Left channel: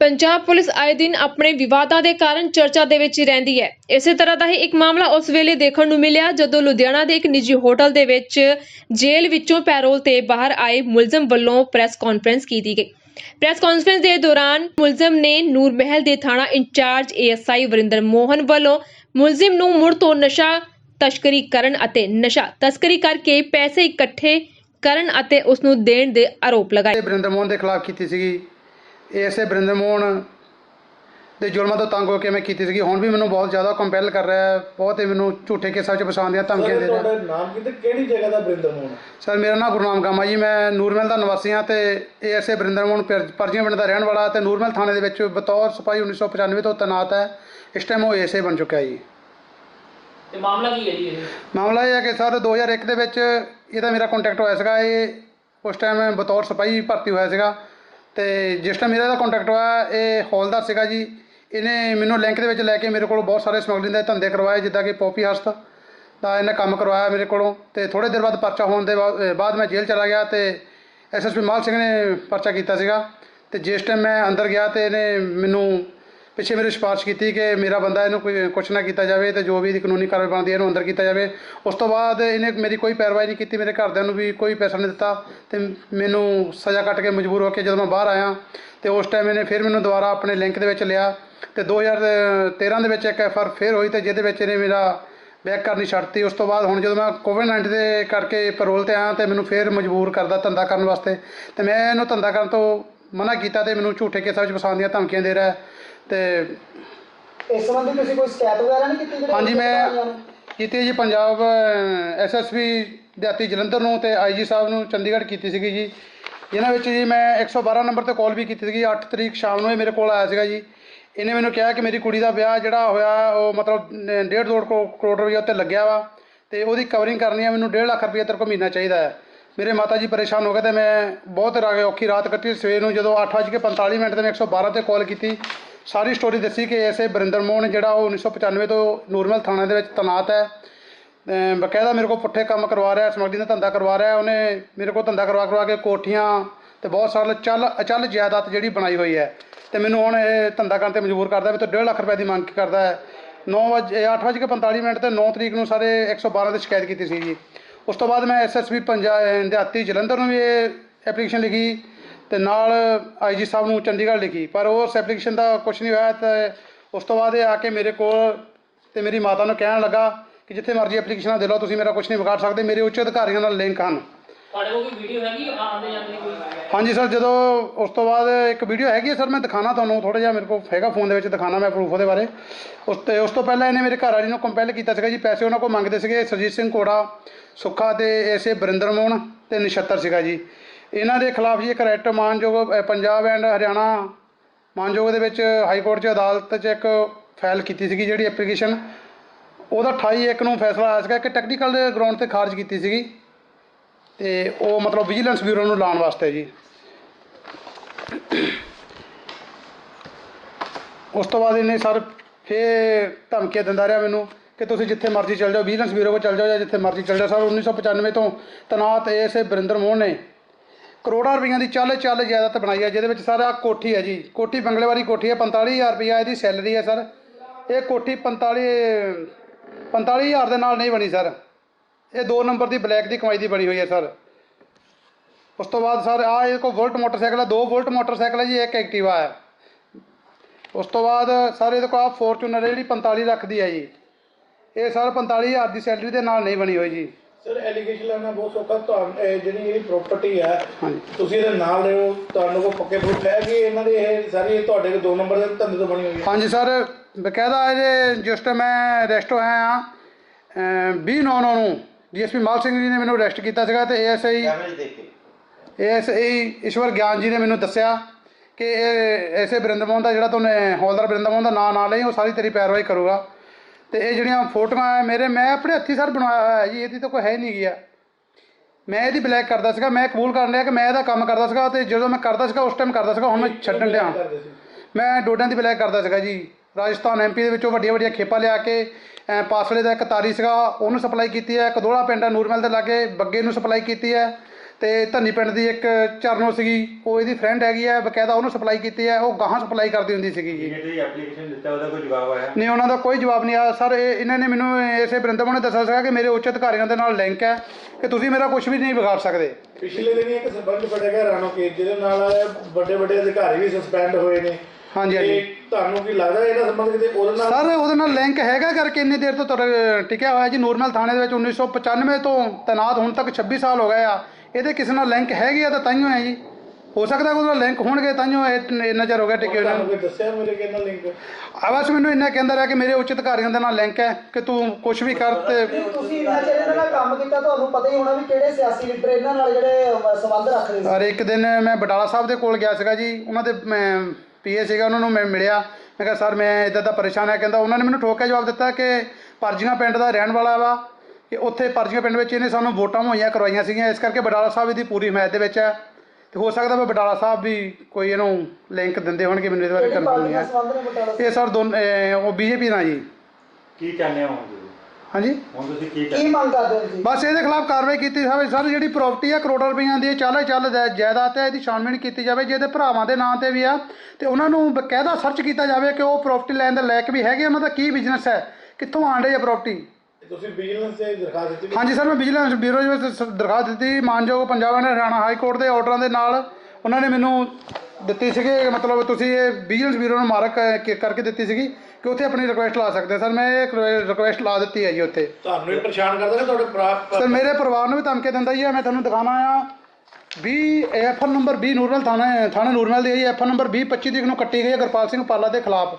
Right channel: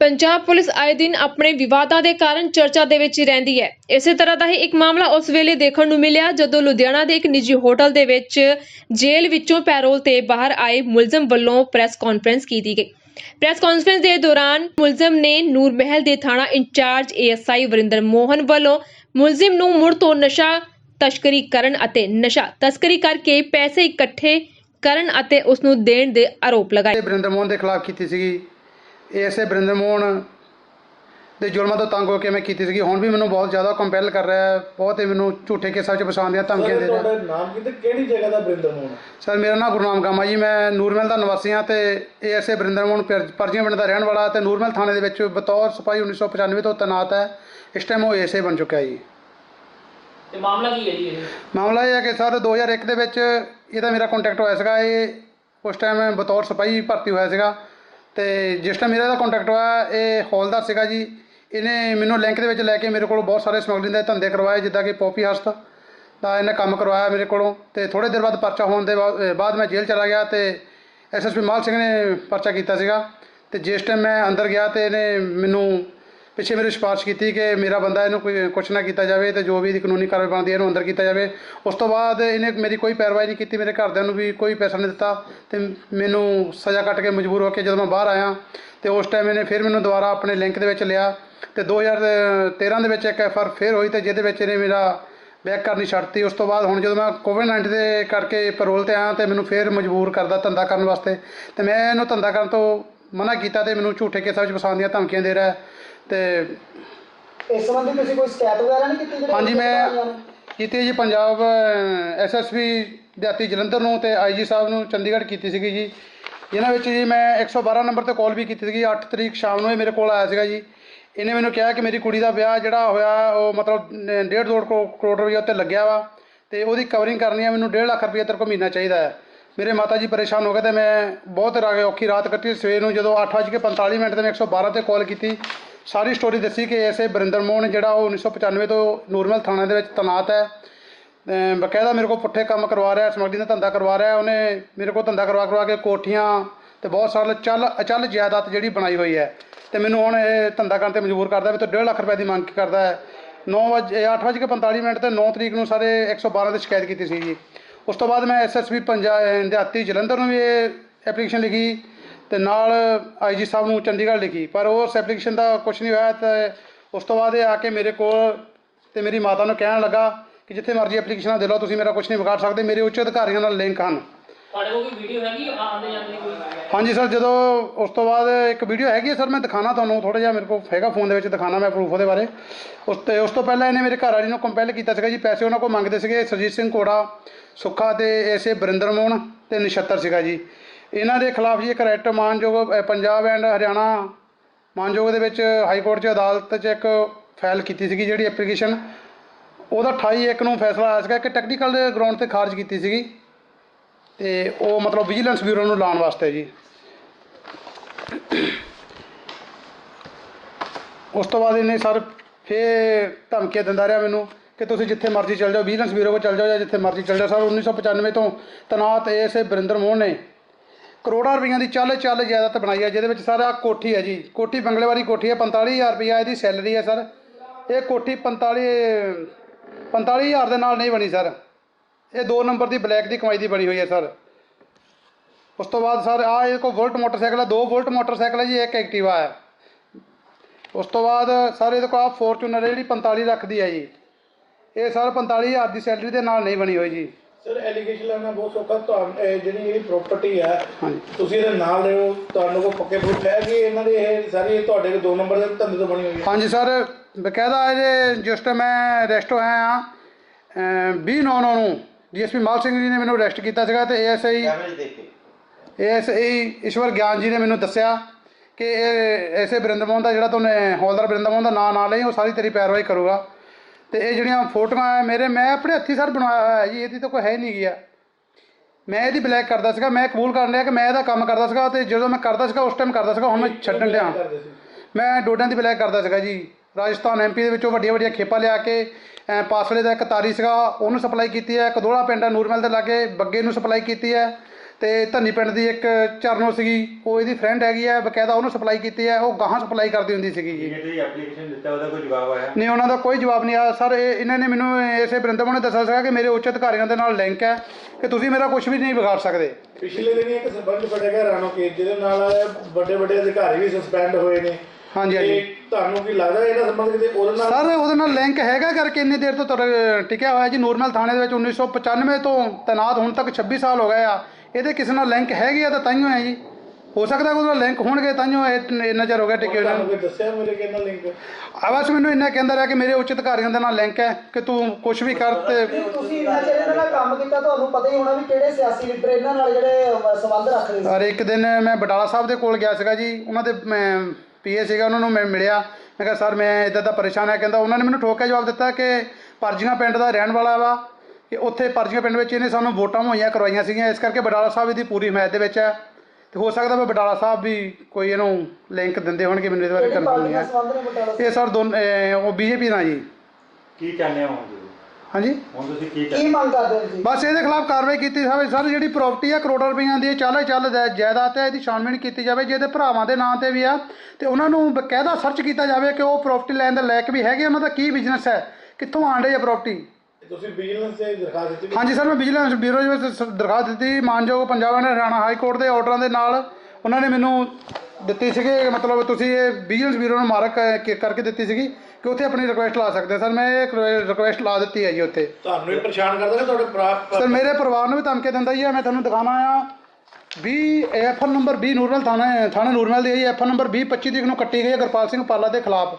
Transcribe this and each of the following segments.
Punjab police ਆਏ ਦਿਨ ਆਪਣੇ ਵਿਵਾਦਾਂ ਦੇ ਕਾਰਨ ਚਰਚਾ ਦੇ ਵਿੱਚ ਹੀ ਰਹਿੰਦੀ ਹੈ। ਇਸੇ ਤਰ੍ਹਾਂ ਦਾ ਹੀ ਇੱਕ ਮਾਮਲਾ ਉਸ ਵੇਲੇ ਦੇਖਣ ਨੂੰ ਮਿਲਿਆ, ਜਦੋਂ ਲੁਧਿਆਣਾ ਦੇ ਇੱਕ ਨਿੱਜੀ ਹੋਟਲ ਦੇ ਵਿੱਚ ਜੇਲ੍ਹ ਵਿੱਚੋਂ ਪੈਰੋਲ ਤੇ ਬਾਹਰ ਆਏ ਮੁਲਜ਼ਮ ਵੱਲੋਂ ਪ੍ਰੈਸ ਕਾਨਫਰੰਸ ਕੀਤੀ ਗਈ। ਪ੍ਰੈਸ ਕਾਨਫਰੰਸ ਦੇ ਦੌਰਾਨ ਮੁਲਜ਼ਮ ਨੇ ਨੂਰ ਮਹਿਲ ਦੇ ਥਾਣਾ ਇੰਚਾਰਜ ਏਐਸਆਈ ਵਰਿੰਦਰ ਮੋਹਨ ਵੱਲੋਂ ਮੁਲਜ਼ਮ ਨੂੰ ਮੁੜ ਤੋਂ ਨਸ਼ਾ ਤਸਕਰੀ ਕਰਨ ਅਤੇ ਨਸ਼ਾ ਤਸਕਰੀ ਕਰਕੇ ਪੈਸੇ ਇਕੱਠੇ ਕਰਨ ਅਤੇ ਉਸ ਨੂੰ ਦੇਣ ਦੇ ਆਰੋਪ ਲਗਾਏ। ਵਰਿੰਦਰ ਮੋਹਨ ਦੇ ਖਿਲਾਫ ਕੀਤੀ ਸੀਗੀ। ਇਸੇ ਬਰਿੰਦਰ ਮੋਹਨ ਦੇ ਜ਼ੁਲਮਾਂ ਤੋਂ ਤੰਗ ਹੋ ਕੇ ਮੈਂ ਕੀਤੀ ਸੀਗੀ। ਹੁਣ ਵੀ ਮੈਨੂੰ ਬਹੁਤ ਜ਼ਿਆਦਾ ਕੰਪੈਲ ਕਰ ਰਿਹਾ ਹੈ। ਬਹੁਤ ਹੀ ਮੈਨੂੰ ਝੂਠੇ ਕੇਸਾਂ 'ਚ ਫਸਾਉਣ ਦੀਆਂ ਧਮਕੀਆਂ ਦੇ ਸਰ ਰਿਹਾ। ਤੁਹਾਡਾ ਨਾਮ ਕੀ ਤੇ ਕਿਹੜੀ ਜਗ੍ਹਾ ਦਾ ਬ੍ਰਿੰਦਰ ਮੋਹਨ ਸਰ ਮੇਰਾ ਨਾਮ ਗੁਰਨਾਮ ਗਾਮਾ ਜੀ। ਮੈਂ ਨੂਰਮਹਿਲ ਦਾ ਨਿਵਾਸੀ ਹਾਂ ਤੇ ਏਐਸਏ ਬਰਿੰਦਰ ਮੋਹਨ ਪਰ- ਪਰਜੀਆਂ ਪਿੰਡ ਦਾ ਰਹਿਣ ਵਾਲਾ ਤੇ ਨੂਰਮਹਿਲ ਥਾਣੇ ਦੇ ਵਿੱਚ ਬਤੌਰ ਸਿਪਾਹੀ 1995 ਤੋਂ ਤੈਨਾਤ ਹੈ। ਇਸ ਟਾਈਮ ਉਹ ਏਐਸਏ ਬਣ ਚੁੱਕਿਆ ਜੀ। ਤੇ ਮਾਮਲਾ ਕੀ ਹੈ ਜੀ ਇਹ? ਮਾਮਲਾ ਇਹ ਹੈ ਕਿ ਸਰ 2001 ਦੇ ਵਿੱਚ ਇਹਦਾ ਮੇਰਾ ਕੰਟੈਕਟ ਹੋਇਆ ਸੀਗਾ। ਇਹ ਉਸ ਟਾਈਮ ਬਤੌਰ ਸਿਪਾਹੀ ਭਰਤੀ ਹੋਇਆ ਸੀਗਾ। ਤੇ ਜਿਸ ਟਾਈਮ ਮੇਰਾ ਇਹਦਾ ਕੰਟੈਕਟ ਹੋਇਆ, ਇਹ ਹੌਲਦਾਰ ਸੀਗਾ ਜੀ, ਇਹਨੇ ਮੈਨੂੰ ਲਿੰਕ ਦੇ ਵਿੱਚ ਲੈ ਕੇ ਮੇਰੇ ਕੋਲ ਬਹੁਤ ਸਾਰੇ ਸਮਗਲਿੰਗ ਦੇ ਧੰਦੇ ਕਰਵਾਏ, ਜਿੱਦਾਂ ਕਿ ਪੋਪੀ ਹਸਤ ਦਾ ਇਹਨੇ ਕੰਮ ਕਰਵਾਇਆ ਮੇਰੇ ਕੋਲੋਂ, ਤੇ ਥੋੜੇ ਦਿਨ ਬਾਅਦ ਪਰਚਾ ਹੋਣ ਦੇ ਬਾਅਦ ਬਾਅਦ ਮੈਂ ਜੇਲ੍ਹ ਚਲਾ ਗਿਆ ਤੇ ਐਸਐਸਪੀ ਮਾਲ ਸਿੰਘ ਨੇ ਪਰਚਾ ਕੀਤਾ ਸੀਗਾ, ਤੇ ਜਿਸ ਟਾਈਮ ਮੈਂ ਅੰਦਰ ਗਿਆ ਤੇ ਇਹਨੇ ਮੈਨੂੰ ਪਿੱਛੇ ਮੇਰੀ ਸਿਫਾਰਿਸ਼ ਕੀਤੀ ਕਿ ਮੇਰਾ ਬੰਦਾ ਇਹਨੂੰ ਕੋਈ ਕੁਛ ਨਾ ਕੀਤਾ ਜਾਵੇ ਤੇ ਜੋ ਵੀ ਇਹਦੀ ਕਾਨੂੰਨੀ ਕਾਰਵਾਈ ਬਣਦੀ ਹੈ, ਇਹਨੂੰ ਅੰਦਰ ਕੀਤਾ ਜਾਵੇ। ਉਸ ਤੋਂ ਬਾਅਦ ਇਹਨੇ ਮੇਰੀ ਕੋਈ ਪੈਰਵਾਈ ਨਹੀਂ ਕੀਤੀ, ਮੇਰੇ ਘਰਦਿਆਂ ਨੂੰ ਵੀ ਕੋਈ ਪੈਸਾ ਨਹੀਂ ਦਿੱਤਾ ਤੇ ਮੈਨੂੰ ਸਜ਼ਾ ਕੱਟ ਕੇ ਮਜਬੂਰ ਹੋ ਕੇ ਜਦੋਂ ਮੈਂ ਬਾਹਰ ਆਇਆ ਤੇ ਉਸ ਟਾਈਮ ਇਹਨੇ ਫਿਰ ਮੈਨੂੰ ਦੁਬਾਰਾ ਆਪਣੇ ਲਿੰਕ ਦੇ ਵਿੱਚ ਲਿਆ ਤੇ 2013 ਦੇ ਵਿੱਚ ਇੱਕ ਐਫਆਰ ਫੇਰ ਹੋਈ ਤੇ ਜਿਹਦੇ ਵਿੱਚ ਇਹਨੇ ਮੇਰਾ ਬੈਕ ਕਰਨੀ ਛੱਡਤੀ ਉਸ ਤੋਂ ਬਾਅਦ ਹੁਣ ਜਦੋਂ ਮੈਂ ਕੋਵਿਡ 19 ਦੇ ਕਰਕੇ ਪੈਰੋਲ ਤੇ ਆਇਆ ਤੇ ਮੈਨੂੰ ਫਿਰ ਮਜਬੂਰ ਕਰਦਾ ਧੰਦਾ ਕਰਨ ਵਾਸਤੇ ਤੇ ਮੈਂ ਇਹਨੂੰ ਧੰਦਾ ਕਰਨ ਤੋਂ ਮਨਾ ਕੀਤਾ ਤੇ ਮੈਨੂੰ ਝੂਠੇ ਕੇਸਾਂ ਵਿੱਚ ਫਸਾਉਣ ਦੀਆਂ ਧਮਕੀਆਂ ਦੇ ਰਿਹਾ। ਤੇ ਇਸ ਸੰਬੰਧੀ ਤੁਸੀਂ ਕੋਈ ਸ਼ਿਕਾਇਤ ਵਗੈਰਾ ਨਹੀਂ ਕੀਤੀ ਜਿਹੜੇ ਹਾਂਜੀ ਮੈਂ? ਕੀਤੀ ਹੈ ਜੀ ਪੰਜਾਬ ਐਸਐਸਪੀ ਦਿਹਾਤੀ ਜਲੰਧਰ ਨੂੰ ਤੇ ਆਈਜੀ ਸਾਹਿਬ ਨੂੰ ਚੰਡੀਗੜ੍ਹ ਕੀਤੀ ਸੀਗੀ ਜੀ। ਇਹਨਾਂ ਵਿੱਚ ਜੀ ਮੈਂ 112 ਨੰਬਰ ਤੇ ਕਾਲ ਵੀ ਕੀਤੀ ਸੀਗੀ। 8 ਤਰੀਕ ਸ਼ਾਮ ਨੂੰ ਇਹ ਮੇਰੇ ਕੋਲ ਆਇਆ ਸੀਗਾ ਜੀ। ਇਹਨੇ ਮੈਨੂੰ ਕਿਹਾ ਕਿ ਮੇਰੀ ਕੁੜੀ ਦਾ ਵਿਆਹ ਜਿਹੜਾ ਹੋਇਆ ਉਹ ਮਤਲਬ 1.5 ਦੋ ਕਰੋੜ ਰੁਪਏ ਉੱਤੇ ਲੱਗਿਆ ਵਾ ਤੇ ਉਹਦੀ ਕਵਰਿੰਗ ਕਰਨੀ ਆ ਮੈਨੂੰ 1.5 ਲੱਖ ਰੁਪਏ ਤੇਰੇ ਕੋਲ ਮਹੀਨਾ ਚਾਹੀਦਾ ਹੈ। ਮੇਰੇ ਮਾਤਾ ਜੀ ਪਰੇਸ਼ਾਨ ਹੋ ਗਏ ਤੇ ਮੈਂ ਬਹੁਤ ਰਾਗੇ ਔਖੀ ਰਾਤ ਕੱਟੀ। ਸਵੇਰ ਨੂੰ ਜਦੋਂ 8:45 ਮਿੰਟ ਤੇ ਮੈਂ 112 ਤੇ ਕਾਲ ਕੀਤੀ। ਸਾਰੀ ਸਟੋਰੀ ਦੱਸੀ ਕਿ ਐਸੇ ਬਰਿੰਦਰ ਮੋਹਨ ਜਿਹੜਾ ਉਹ 1995 ਤੋਂ ਨੂਰਮਲ ਥਾਣੇ ਦੇ ਵਿੱਚ ਤੈਨਾਤ ਹੈ। ਅਮ ਬਕਾਇਦਾ ਮੇਰੇ ਕੋਲ ਪੁੱਠੇ ਕੰਮ ਕਰਵਾ ਰਿਹਾ ਸਮਗਲਿੰਗ ਦਾ ਧੰਦਾ ਕਰਵਾ ਰਿਹਾ, ਉਹਨੇ ਮੇਰੇ ਕੋਲ ਧੰਦਾ ਕਰਵਾ ਕਰਵਾ ਕੇ ਕੋਠੀਆਂ ਤੇ ਬਹੁਤ ਸਾਰਾ ਚੱਲ, ਅਚਲ ਜਾਇਦਾਦ ਜਿਹੜੀ ਬਣਾਈ ਹੋਈ ਹੈ ਤੇ ਮੈਨੂੰ ਹੁਣ ਇਹ ਧੰਦਾ ਕਰਨ ਤੇ ਮਜਬੂਰ ਕਰਦਾ ਵੀ ਤੂੰ 1.5 ਲੱਖ ਰੁਪਏ ਦੀ ਮੰਗ ਕਰਦਾ ਹੈ। 9 ਵਜੇ 8:45 ਮਿੰਟ ਤੇ 9 ਤਰੀਕ ਨੂੰ ਸਾਰੇ 112 ਤੇ ਸ਼ਿਕਾਇਤ ਕੀਤੀ ਸੀ ਜੀ। ਉਸ ਤੋਂ ਬਾਅਦ ਮੈਂ ਐਸਐਸਪੀ ਪੰਜਾਬ ਦਿਹਾਤੀ ਜਲੰਧਰ ਨੂੰ ਵੀ ਇਹ ਐਪਲੀਕੇਸ਼ਨ ਲਿਖੀ। ਤੇ ਨਾਲ ਆਈਜੀ ਸਾਹਿਬ ਨੂੰ ਚੰਡੀਗੜ੍ਹ ਲਿਖੀ। ਪਰ ਉਸ ਐਪਲੀਕੇਸ਼ਨ ਦਾ ਕੁਝ ਨਹੀਂ ਹੋਇਆ ਤੇ ਉਸ ਤੋਂ ਬਾਅਦ ਇਹ ਆ ਕੇ ਮੇਰੇ ਕੋਲ ਤੇ ਮੇਰੀ ਮਾਤਾ ਨੂੰ ਕਹਿਣ ਲੱਗਾ ਕਿ ਜਿੱਥੇ ਮਰਜ਼ੀ ਐਪਲੀਕੇਸ਼ਨਾਂ ਦੇ ਲਓ ਤੁਸੀਂ ਮੇਰਾ ਕੁਝ ਨਹੀਂ ਵਿਗਾੜ ਸਕਦੇ ਮੇਰੇ ਉੱਚ ਅਧਿਕਾਰੀਆਂ ਨਾਲ ਲਿੰਕ ਹਨ। ਤੁਹਾਡੇ ਕੋਲ ਕੋਈ ਵੀਡੀਓ ਹੈਗੀ ਆ- ਆਉਂਦੇ ਜਾਂਦੇ ਦੀ ਕੋਈ? ਹਾਂਜੀ ਸਰ ਜਦੋਂ ਉਸ ਤੋਂ ਬਾਅਦ ਇੱਕ ਵੀਡੀਓ ਹੈਗੀ ਹੈ ਸਰ ਮੈਂ ਦਿਖਾਣਾ ਤੁਹਾਨੂੰ ਥੋੜਾ ਜਿਹਾ ਮੇਰੇ ਕੋਲ ਹੈਗਾ ਫੋਨ ਦੇ ਵਿੱਚ ਦਿਖਾਣਾ ਮੈਂ ਪ੍ਰੂਫ ਉਹਦੇ ਬਾਰੇ। ਉਸ ਤੇ ਉਸ ਤੋਂ ਪਹਿਲਾਂ ਇਹਨੇ ਮੇਰੇ ਘਰ ਵਾਲੀ ਨੂੰ ਕੰਪੈਲ ਕੀਤਾ ਸੀਗਾ ਜੀ ਪੈਸੇ ਉਹਨਾਂ ਕੋਲ ਮੰਗਦੇ ਸੀਗੇ ਸਰਜੀਤ ਸਿੰਘ ਕੋੜਾ ਸੁੱਖਾ ਤੇ ਐਸੇ ਬਰਿੰਦਰ ਮੋਹਨ ਤੇ ਨਛੱਤਰ ਸੀਗਾ ਜੀ। ਇਹਨਾਂ ਦੇ ਖਿਲਾਫ ਜੀ ਇੱਕ ਰੈਟ ਮਾਨਯੋਗ ਪੰਜਾਬ ਐਂਡ ਹਰਿਆਣਾ ਮਾਨਯੋਗ ਦੇ ਵਿੱਚ ਹਾਈ ਕੋਰਟ 'ਚ ਅਦਾਲਤ 'ਚ ਇੱਕ ਫਾਈਲ ਕੀਤੀ ਸੀਗੀ ਜਿਹੜੀ ਐਪਲੀਕੇਸ਼ਨ ਉਹਦਾ 28 ਇੱਕ ਨੂੰ ਫੈਸਲਾ ਆਇਆ ਸੀਗਾ ਕਿ ਟੈਕਨੀਕਲ ਦੇ ਗਰਾਊਂਡ ਤੇ ਖਾਰਜ ਕੀਤੀ ਸੀਗੀ। ਤੇ ਉਹ ਮਤਲਬ ਵਿਜੀਲੈਂਸ ਬਿਊਰੋ ਨੂੰ ਲਾਉਣ ਵਾਸਤੇ ਜੀ। ਉਸ ਤੋਂ ਬਾਅਦ ਇਹਨੇ ਸਰ ਫੇਰ ਧਮਕੀਆਂ ਦਿੰਦਾ ਰਿਹਾ ਮੈਨੂੰ ਕਿ ਤੁਸੀਂ ਜਿੱਥੇ ਮਰਜ਼ੀ ਚੱਲ ਜਾਓ ਵਿਜੀਲੈਂਸ ਬਿਊਰੋ ਕੋਲ ਚੱਲ ਜਾਓ ਜਾਂ ਜਿੱਥੇ ਮਰਜ਼ੀ ਚੱਲ ਜਾਓ। ਸਰ 1995 ਤੋਂ ਤਨਾਤ ਐਸੇ ਬਰਿੰਦਰ ਮੋਹਨ ਨੇ। ਕਰੋੜਾਂ ਰੁਪਈਆਂ ਦੀ ਚੱਲ ਚੱਲ ਜਾਇਦਾਦ ਬਣਾਈ ਹੈ ਜਿਹਦੇ ਵਿੱਚ ਸਰ ਸਾਰਾ ਕੋਠੀ ਹੈ ਜੀ। ਕੋਠੀ ਬੰਗਲੇ ਵਾਲੀ ਕੋਠੀ ਹੈ 45000 ਰੁਪਈਆ ਇਹਦੀ ਸੈਲਰੀ ਹੈ ਸਰ। ਇਹ ਕੋਠੀ 45 45000 ਦੇ ਨਾਲ ਨਹੀਂ ਬਣੀ ਸਰ। ਇਹ ਦੋ ਨੰਬਰ ਦੀ ਬਲੈਕ ਦੀ ਕਮਾਈ ਦੀ ਬਣੀ ਹੋਈ ਹੈ ਸਰ। ਉਸ ਤੋਂ ਬਾਅਦ ਸਰ ਆ ਇਹ ਕੋ ਵੋਲਟ ਮੋਟਰਸਾਈਕਲ ਹੈ ਦੋ ਵੋਲਟ ਮੋਟਰਸਾਈਕਲ ਹੈ ਜੀ, ਇੱਕ ਐਕਟਿਵਾ ਹੈ। ਉਸ ਤੋਂ ਬਾਅਦ ਸਰ ਇਹਦੇ ਕੋਲ ਆ ਫੋਰਚੂਨਰ ਜਿਹੜੀ 45 ਲੱਖ ਦੀ ਹੈ ਜੀ। ਇਹ ਸਰ 45000 ਦੀ ਸੈਲਰੀ ਦੇ ਨਾਲ ਨਹੀਂ ਬਣੀ ਹੋਈ ਜੀ। ਸਰ ਐਲੀਗੇਸ਼ਨ ਲਾਣਾ ਬਹੁਤ ਸੌਖਾ। ਤੁਹਾਨੂੰ ਇਹ ਜਿਹੜੀ ਇਹ ਪ੍ਰਾਪਰਟੀ ਹੈ ਹਾਂਜੀ। ਤੁਸੀਂ ਇਹਦੇ ਨਾਲ ਰਹੇ ਹੋ ਤੁਹਾਨੂੰ ਕੋਈ ਪੱਕੇ ਪ੍ਰੂਫ ਹੈ ਕਿ ਇਹਨਾਂ ਦੇ ਇਹ ਸਾਰੀ ਤੁਹਾਡੇ ਦੇ ਦੋ ਨੰਬਰ ਦੇ ਧੰਦੇ ਤੋਂ ਬਣੀ ਹੋਈ ਹੈ ਹਾਂਜੀ ਸਰ ਬਕਾਇਦਾ ਇਹਦੇ ਜਿਸ ਟਾਈਮ ਮੈਂ ਅਰੈਸਟ ਹੋਇਆ ਆ 20 ਨੌ ਨੌ ਨੂੰ ਡੀਐਸਪੀ ਮਾਲ ਸਿੰਘ ਜੀ ਨੇ ਮੈਨੂੰ ਅਰੈਸਟ ਕੀਤਾ ਸੀਗਾ ਤੇ ਏਐਸਆਈ ਏਐਸਆਈ ਈਸ਼ਵਰ ਗਿਆਨ ਜੀ ਨੇ ਮੈਨੂੰ ਦੱਸਿਆ ਕਿ ਇਹ ਐਸੇ ਬਰਿੰਦਰ ਮੋਹਨ ਦਾ ਜਿਹੜਾ ਤੁਨੇ ਹੌਲਦਾਰ ਬਰਿੰਦਰ ਮੋਹਨ ਦਾ ਨਾਂ ਨਾ ਲਈ ਉਹ ਸਾਰੀ ਤੇਰੀ ਪੈਰਵਾਈ ਕਰੂਗਾ। ਤੇ ਇਹ ਜਿਹੜੀਆਂ ਫੋਟੋਆਂ ਆ ਮੇਰੇ ਮੈਂ ਆਪਣੇ ਹੱਥੀ ਸਰ ਬਣਾਇਆ ਹੋਇਆ ਹੈ ਜੀ ਇਹਦੀ ਤਾਂ ਕੋਈ ਹੈ ਨਹੀਂ ਗਿਆ ਮੈਂ ਇਹਦੀ ਬਲੈਕ ਕਰਦਾ ਸੀਗਾ ਮੈਂ ਕਬੂਲ ਕਰ ਲਿਆ ਕਿ ਮੈਂ ਇਹਦਾ ਕੰਮ ਕਰਦਾ ਸੀਗਾ ਤੇ ਜਦੋਂ ਮੈਂ ਕਰਦਾ ਸੀਗਾ ਉਸ ਟਾਈਮ ਕਰਦਾ ਸੀਗਾ ਹੁਣ ਮੈਂ ਛੱਡਣ ਲਿਆ ਮੈਂ ਡੋਡਿਆਂ ਦੀ ਬਲੈਕ ਕਰਦਾ ਸੀਗਾ ਜੀ। ਰਾਜਸਥਾਨ ਐਮਪੀ ਦੇ ਵਿੱਚੋਂ ਵੱਡੀਆਂ ਵੱਡੀਆਂ ਖੇਪਾਂ ਲਿਆ ਕੇ ਪਾਸਲੇ ਦਾ ਇੱਕ ਤਾਰੀ ਸੀਗਾ ਉਹਨੂੰ ਸਪਲਾਈ ਕੀਤੀ ਹੈ ਕਦੋਲਾ ਪਿੰਡ ਹੈ ਨੂਰਮਹਿਲ ਦੇ ਲਾਗੇ ਬੱਗੇ ਨੂੰ ਸਪਲਾਈ ਕੀਤੀ ਹੈ ਤੇ ਧੰਨੀ ਪਿੰਡ ਦੀ ਇੱਕ ਚਰਨੋ ਸੀਗੀ ਉਹ ਇਹਦੀ ਫਰੈਂਡ ਹੈਗੀ ਹੈ ਬਕਾਇਦਾ ਉਹਨੂੰ ਸਪਲਾਈ ਕੀਤੀ ਹੈ ਉਹ ਗਾਹਾਂ ਸਪਲਾਈ ਕਰਦੀ ਹੁੰਦੀ ਸੀਗੀ ਜੀ। ਤੁਸੀਂ ਐਪਲੀਕੇਸ਼ਨ ਦਿੱਤਾ ਉਹਦਾ ਕੋਈ ਜਵਾਬ ਆਇਆ? ਨਹੀਂ ਉਹਨਾਂ ਦਾ ਕੋਈ ਜਵਾਬ ਨਹੀਂ ਆਇਆ। ਸਰ ਇਹ ਇਹਨਾਂ ਨੇ ਮੈਨੂੰ ਇਸੇ ਬ੍ਰਿੰਦਮਨ ਨੇ ਦੱਸਿਆ ਸੀਗਾ ਕਿ ਮੇਰੇ ਉੱਚ ਅਧਿਕਾਰੀਆਂ ਦੇ ਨਾਲ ਲਿੰਕ ਹੈ ਕਿ ਤੁਸੀਂ ਮੇਰਾ ਕੁਝ ਵੀ ਨਹੀਂ ਵਿਗਾੜ ਸਕਦੇ। ਪਿਛਲੇ ਦਿਨ ਇੱਕ ਸਰਪੰਚ ਫੜਿਆ ਗਿਆ ਰਾਣੋ ਕੇਸ ਜਿਹਦੇ ਨਾਲ ਵੱਡੇ ਵੱਡੇ ਅਧਿਕਾਰੀ ਵੀ ਸਸਪੈਂਡ ਹੋਏ ਨੇ। ਹਾਂਜੀ ਹਾਂਜੀ। ਤੁਹਾਨੂੰ ਕੀ ਲੱਗਦਾ ਇਹਦਾ ਸੰਬੰਧ ਕਿਤੇ ਉਹਦੇ ਨਾਲ? ਸਰ ਉਹਦੇ ਨਾਲ ਲਿੰਕ ਹੈਗਾ ਕਰਕੇ ਇੰਨੀ ਦੇਰ ਤੋਂ ਟਿਕਿਆ ਹੋਇਆ ਜੀ ਨੂਰਮਲ ਥਾਣੇ ਦੇ ਵਿੱਚ 1995 ਤੋਂ ਤੈਨਾਤ ਹੁਣ ਤੱਕ 26 ਸਾਲ ਹੋ ਗਏ ਆ। ਇਹਦੇ ਕਿਸੇ ਨਾਲ ਲਿੰਕ ਹੈਗੇ ਆ ਤਾਂ ਤਾਈਓ ਹੈ ਜੀ। ਹੋ ਸਕਦਾ ਕਿ ਉਹਦਾ ਲਿੰਕ ਹੋਣਗੇ ਤਾਈਓ ਇਹ ਇੰਨਾ ਚਿਰ ਹੋ ਗਿਆ ਟਿਕੇ ਹੋਏ ਤੁਹਾਨੂੰ ਨੂੰ ਕੋਈ ਦੱਸਿਆ ਮੇਰੇ ਕਿੰਨਾ ਲਿੰਕ ਆ ਬਸ ਮੈਨੂੰ ਇੰਨਾ ਕਹਿੰਦਾ ਰਿਹਾ ਕਿ ਮੇਰੇ ਉੱਚ ਅਧਿਕਾਰੀਆਂ ਦੇ ਨਾਲ ਲਿੰਕ ਹੈ ਕਿ ਤੂੰ ਕੁਝ ਵੀ ਕਰ ਤੇ ਤੁਸੀਂ ਇੰਨਾ ਚਿਰ ਇਹਨਾਂ ਨਾਲ ਕੰਮ ਕੀਤਾ ਤੁਹਾਨੂੰ ਪਤਾ ਹੀ ਹੋਣਾ ਵੀ ਕਿਹੜੇ ਸਿਆਸੀ ਲੀਡਰ ਇਹਨਾਂ ਨਾਲ ਜਿਹੜੇ ਅਹ, ਸੰਬੰਧ ਰੱਖਦੇ ਸੀ। ਔਰ ਇੱਕ ਦਿਨ ਮੈਂ ਬਟਾਲਾ ਸਾਹਿਬ ਦੇ ਕੋਲ ਗਿਆ ਸੀਗਾ ਜੀ ਉਹਨਾਂ ਦੇ ਮੈਂ ਪੀਏ ਸੀਗਾ ਉਹਨਾਂ ਨੂੰ ਮੈਂ ਮਿਲਿਆ। ਮੈਂ ਕਿਹਾ ਸਰ ਮੈਂ ਇਦਾਂ ਦਾ ਪਰੇਸ਼ਾਨ ਹੈ ਕਹਿੰਦਾ ਉਹਨਾਂ ਨੇ ਮੈਨੂੰ ਠੋਕ ਕੇ ਜਵਾਬ ਦਿੱਤਾ ਕਿ ਪਰਜੀਆਂ ਪਿੰਡ ਦਾ ਰਹਿਣ ਵਾਲਾ ਵਾ ਕਿ ਉੱਥੇ ਪਰਜੀਆਂ ਪਿੰਡ ਵਿੱਚ ਇਹਨੇ ਸਾਨੂੰ ਵੋਟਾਂ ਮੁਹੱਈਆ ਕਰਵਾਈਆਂ ਸੀਗੀਆਂ। ਇਸ ਕਰਕੇ ਬਟਾਲਾ ਸਾਹਿਬ ਇਹਦੀ ਪੂਰੀ ਹਮਾਇਤ ਦੇ ਵਿੱਚ ਹੈ। ਤੇ ਹੋ ਸਕਦਾ ਵੀ ਬਟਾਲਾ ਸਾਹਿਬ ਵੀ ਕੋਈ ਇਹਨੂੰ ਲਿੰਕ ਦਿੰਦੇ ਹੋਣਗੇ ਮੈਨੂੰ ਇਹਦੇ ਬਾਰੇ ਕਨਫਰਮ ਨਹੀਂ ਹੈ। ਇਹ ਸਰ ਦੋਨ ਉਹ ਬੀਜੇਪੀ ਨਾਲ ਜੀ। ਕੀ ਚਾਹੁੰਦੇ ਹੋ ਹਾਂਜੀ? ਹੁਣ ਤੁਸੀਂ ਕੀ ਕੀ ਮੰਗ ਕਰਦੇ ਹੋ ਤੁਸੀਂ ਬਸ ਇਹਦੇ ਖਿਲਾਫ ਕਾਰਵਾਈ ਕੀਤੀ ਜਾਵੇ। ਸਰ ਜਿਹੜੀ ਪ੍ਰਾਪਰਟੀ ਆ ਕਰੋੜਾਂ ਰੁਪਈਆਂ ਦੀ ਇਹ ਚੱਲ ਚੱਲ ਜਾ- ਜਾਇਦਾਦ ਹੈ ਇਹਦੀ ਛਾਣਬੀਣ ਕੀਤੀ ਜਾਵੇ ਜੇ ਇਹਦੇ ਭਰਾਵਾਂ ਦੇ ਨਾਂ ਤੇ ਵੀ ਆ ਤੇ ਉਹਨਾਂ ਨੂੰ ਬਕਾਇਦਾ ਸਰਚ ਕੀਤਾ ਜਾਵੇ ਕਿ ਉਹ ਪ੍ਰਾਪਰਟੀ ਲੈਣ ਦੇ ਲਾਇਕ ਵੀ ਹੈਗੇ ਉਹਨਾਂ ਦਾ ਕੀ ਬਿਜ਼ਨਸ ਹੈ? ਕਿੱਥੋਂ ਰਹੀ ਹੈ ਪ੍ਰਾਪਰਟੀ ਤੁਸੀਂ ਵਿਜੀਲੈਂਸ ਤੇ ਦਰਖਾਸਤ ਦਿੱਤੀ ਹਾਂਜੀ ਸਰ ਮੈਂ ਵਿਜੀਲੈਂਸ ਬਿਊਰੋ ਦੇ ਵਿੱਚ ਸ- ਦਰਖਾਸਤ ਦਿੱਤੀ। ਮਾਨਯੋਗ ਪੰਜਾਬ ਅਤੇ ਹਰਿਆਣਾ ਹਾਈ ਕੋਰਟ ਦੇ ਆਰਡਰਾਂ ਦੇ ਨਾਲ ਉਹਨਾਂ ਨੇ ਮੈਨੂੰ ਦਿੱਤੀ ਸੀਗੀ ਮਤਲਬ ਤੁਸੀਂ ਇਹ ਵਿਜੀਲੈਂਸ ਬਿਊਰੋ ਨੂੰ ਮਾਰਕ ਕ- ਕਰਕੇ ਦਿੱਤੀ ਸੀਗੀ ਕਿ ਉੱਥੇ ਆਪਣੀ ਰਿਕੁਐਸਟ ਲਾ ਸਕਦੇ ਸਰ ਮੈਂ ਇਹ ਰਿਕੁਐਸਟ ਲਾ ਦਿੱਤੀ ਹੈ ਜੀ ਉੱਥੇ। ਤੁਹਾਨੂੰ ਇਹ ਪਰੇਸ਼ਾਨ ਕਰਦਾ ਕਿ ਤੁਹਾਡੇ ਭਰਾ ਸਰ ਮੇਰੇ ਪਰਿਵਾਰ ਨੂੰ ਵੀ ਧਮਕੀ ਦਿੰਦਾ ਹੀ ਹੈ। ਮੈਂ ਤੁਹਾਨੂੰ ਦਿਖਾਣਾ ਆ। 20 ਐਫ ਨੰਬਰ 20 ਨੂਰਮਲ ਥਾਣਾ ਥਾਣਾ ਨੂਰਮਲ ਦੀ ਹੈ ਐਫ ਨੰਬਰ 20 25 ਤਰੀਕ ਨੂੰ ਕੱਟੀ ਗਈ ਹੈ ਗੁਰਪਾਲ ਸਿੰਘ ਪਾਲਾ ਦੇ ਖਿਲਾਫ।